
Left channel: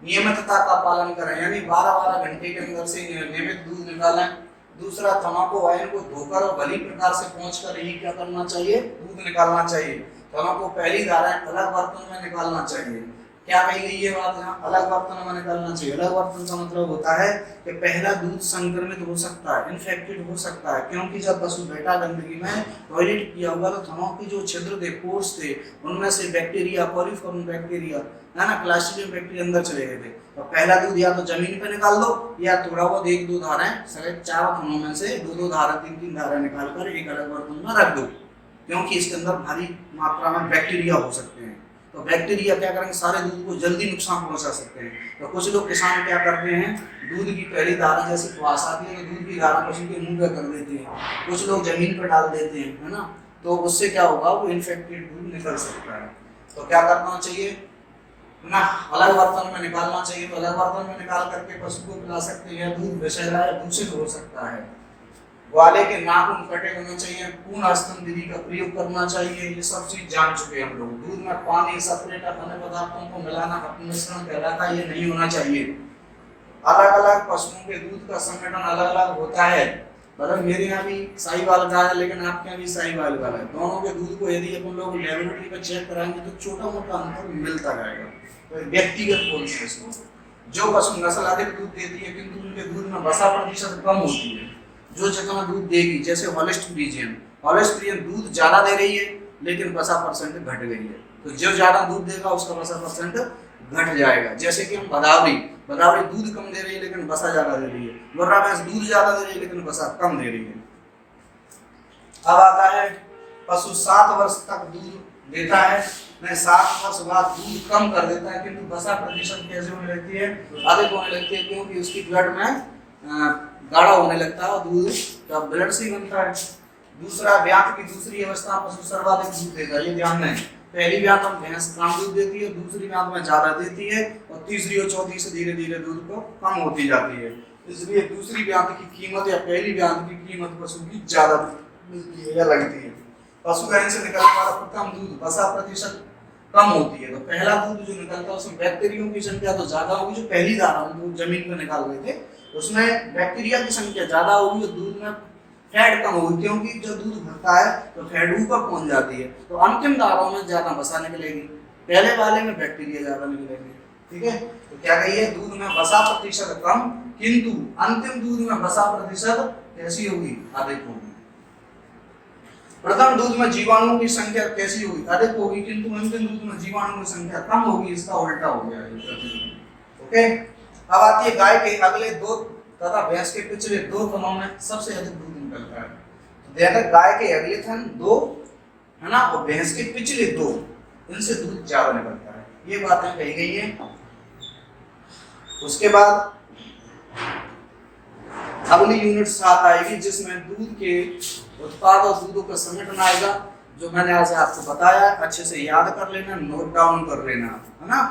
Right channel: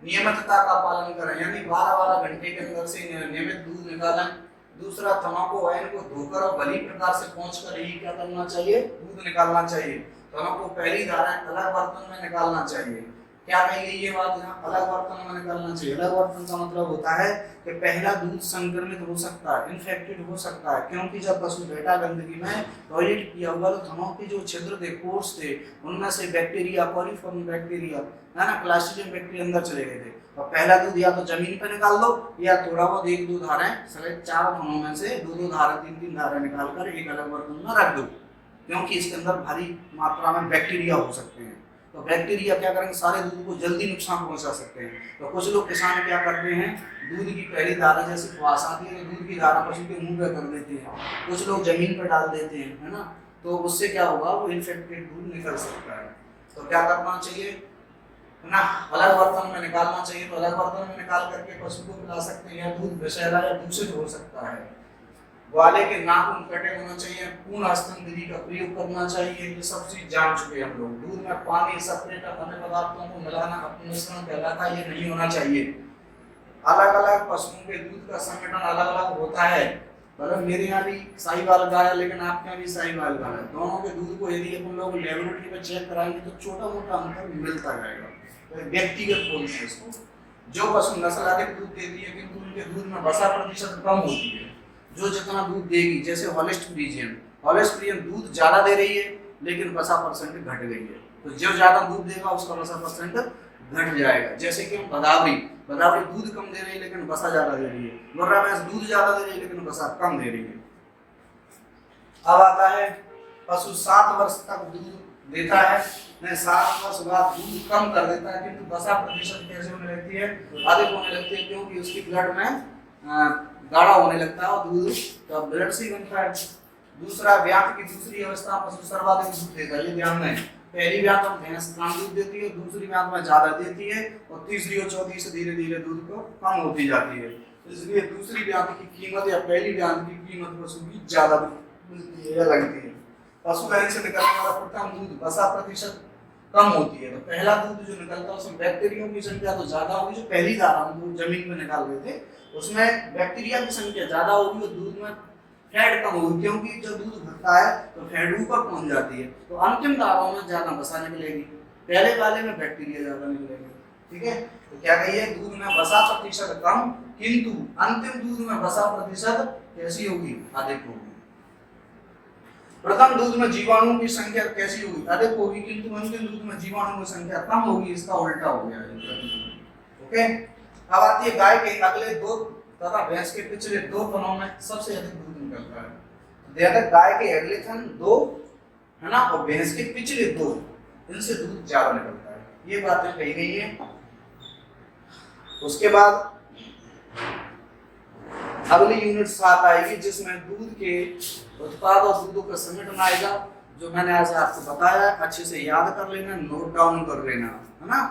नियमितता का पालन करें, यानी 12-12 घंटे के अंदर से नियमित दूध निकालें। दूसरा, तम्बाकू वाइन को धोकर और भली प्रकार से पोंछकर ही क्या करना चाहिए, दूध निकालना चाहिए। तम्बाकू पहली धारा अलग बर्तन में निकालना चाहिए। क्या कही गई है बात, यहाँ अलग बर्तन में निकालना चाहिए। अलग बर्तन का मतलब होता है कि पहला दूध संक्रमित हो सकता है, इन्फेक्टेड हो सकता है, क्योंकि जब पशु बैठा गंदगी में टॉयलेट किया होगा तो थनों के जो छिद्र थे, पोर्स थे, उनमें से बैक्टीरिया, कोलिफॉर्म बैक्टीरिया, है ना, क्लास्ट्रीडियम बैक्टीरिया अंदर चले गए थे। और पहला दूध या तो जमीन पर निकाल दो, या थोड़ा बहुत 1-2 धाराएं, सगे 4 थनों में से 2-2 धारा, 3-3 धारा निकाल कर एक अलग बर्तन में रख दो, क्योंकि इसके अंदर भारी मात्रा में बैक्टीरिया हो सकते हैं। तो बैक्टीरिया क्या करेंगे, सारे दूध को जल्दी नुकसान पहुंचा सकते हैं। तो कुछ लोग किसान क्या करते हैं, दूध की पहली धारा जैसे प्यास आती है तो दूध की धारा पशु के मुंह पे कर देते हैं, कुछ लोग जमीन पर डाल देते हैं, है ना, तो उससे क्या होगा, वो इन्फेक्टेड दूध निकल सकता है। तो क्या करना चाहिए ना, अलग बर्तन में निकालना चाहिए। तो अलग बर्तन में निकाल करके पशु को पिला सकते हैं। दूध विषैला या दूषित हो सकता है। ग्वाले के नाखून कटे होना चाहिए, पूर्ण स्तन विधि का प्रयोग करना चाहिए। ये सब चीज जान चुके हम लोग। दूध में पानी, सपरेट अन्य पदार्थों को मिलाना अपमिश्रण कहलाता है, ये नहीं होना चाहिए। अलग अलग पशुओं के दूध का संगठन अलग अलग होता है। मतलब मेरे यहाँ भी साहिवाल गाय है, लेकिन आपके यहाँ भी साहिवाल गाय है। दोनों के दूध को यदि अपन लोग लेबोरेटरी में चेक कराएंगे तो छोटा मोटा अंतर मिलता जाएगा। तो व्यक्तिगत बोलते हैं इसको। जो पशु नस्ल अधिक दूध देती है किंतु उनके दूध में वसा प्रतिशत कम होती है, जो जितना दूध देगी, जैसे हॉलिस्ट फ्रीजियन दूध ज्यादा दे रही है लेकिन वसा परसेंट घट गई है, तो जो ज्यादा दूध देगा उसका वसा परसेंट घट जाएगा। जैसे कि हम बराबरी दूध कम दे रही है लेकिन वसा ज्यादा दे रही है, मुर्रा भैंस दूध ज्यादा दे रही है लेकिन वसा कम दे रही है। अब आता है पशु 7 वर्ष तक दूध देता है, नहीं 7 वर्ष बाद दूध कम कर देता है, किंतु वसा प्रतिशत कैसे होने लगती है, अधिक होने लगती है, क्योंकि उसकी ब्लड में गाढ़ा होने लगता है और दूध का ब्लड से ही बनता है। दूसरा, ब्यात की दूसरी अवस्था पशु सर्वाधिक दूध देता है, ये ध्यान में पहली ब्यात में भैंस कम दूध देती है, दूसरी ब्यात में ज्यादा देती है और तीसरी और चौथी से धीरे धीरे दूध को कम होती जाती है। इसलिए दूसरी ब्यात की कीमत या पहली ब्यात की कीमत पशु की ज्यादा मिलती है या लगती है। पशु गाय से निकलने वाला प्रथम दूध वसा प्रतिशत कम होती है, तो पहला दूध जो निकलता है उसमें बैक्टीरिया की संख्या तो ज्यादा होगी, जो पहली धारा दूध जमीन में निकाल रहे थे उसमें बैक्टीरिया की संख्या ज्यादा होगी और दूध में फैट कम होगी, क्योंकि जो दूध भरता है तो फैट ऊपर पहुंच जाती है, तो अंतिम धाराओं में ज्यादा वसा निकलेगी, पहले वाले में बैक्टीरिया ज्यादा निकलेंगे। ठीक है, तो क्या कहिए, दूध में वसा प्रतिशत कम, किंतु अंतिम दूध में वसा प्रतिशत कैसी होगी, अधिक होगी। प्रथम दूध में जीवाणुओं की संख्या कैसी होगी, अधिक होगी, किंतु अंतिम दूध में जीवाणुओं की संख्या कम होगी, इसका उल्टा हो गया है। ओके, अब आती है गाय के अगले 2 तथा भैंस के पिछले 2 थनों में सबसे अधिक दूध निकलता है। देखो, गाय के अगले थन 2 है ना, और भैंस के पिछले 2, इनसे दूध ज्यादा निकलता है, ये बातें कही गई है। उसके बाद अगली यूनिट 7 आएगी, जिसमें दूध के उत्पाद और दूधों का समेटना आएगा, जो मैंने आज आपको बताया, अच्छे से याद कर लेना, नोट डाउन कर लेना, है ना।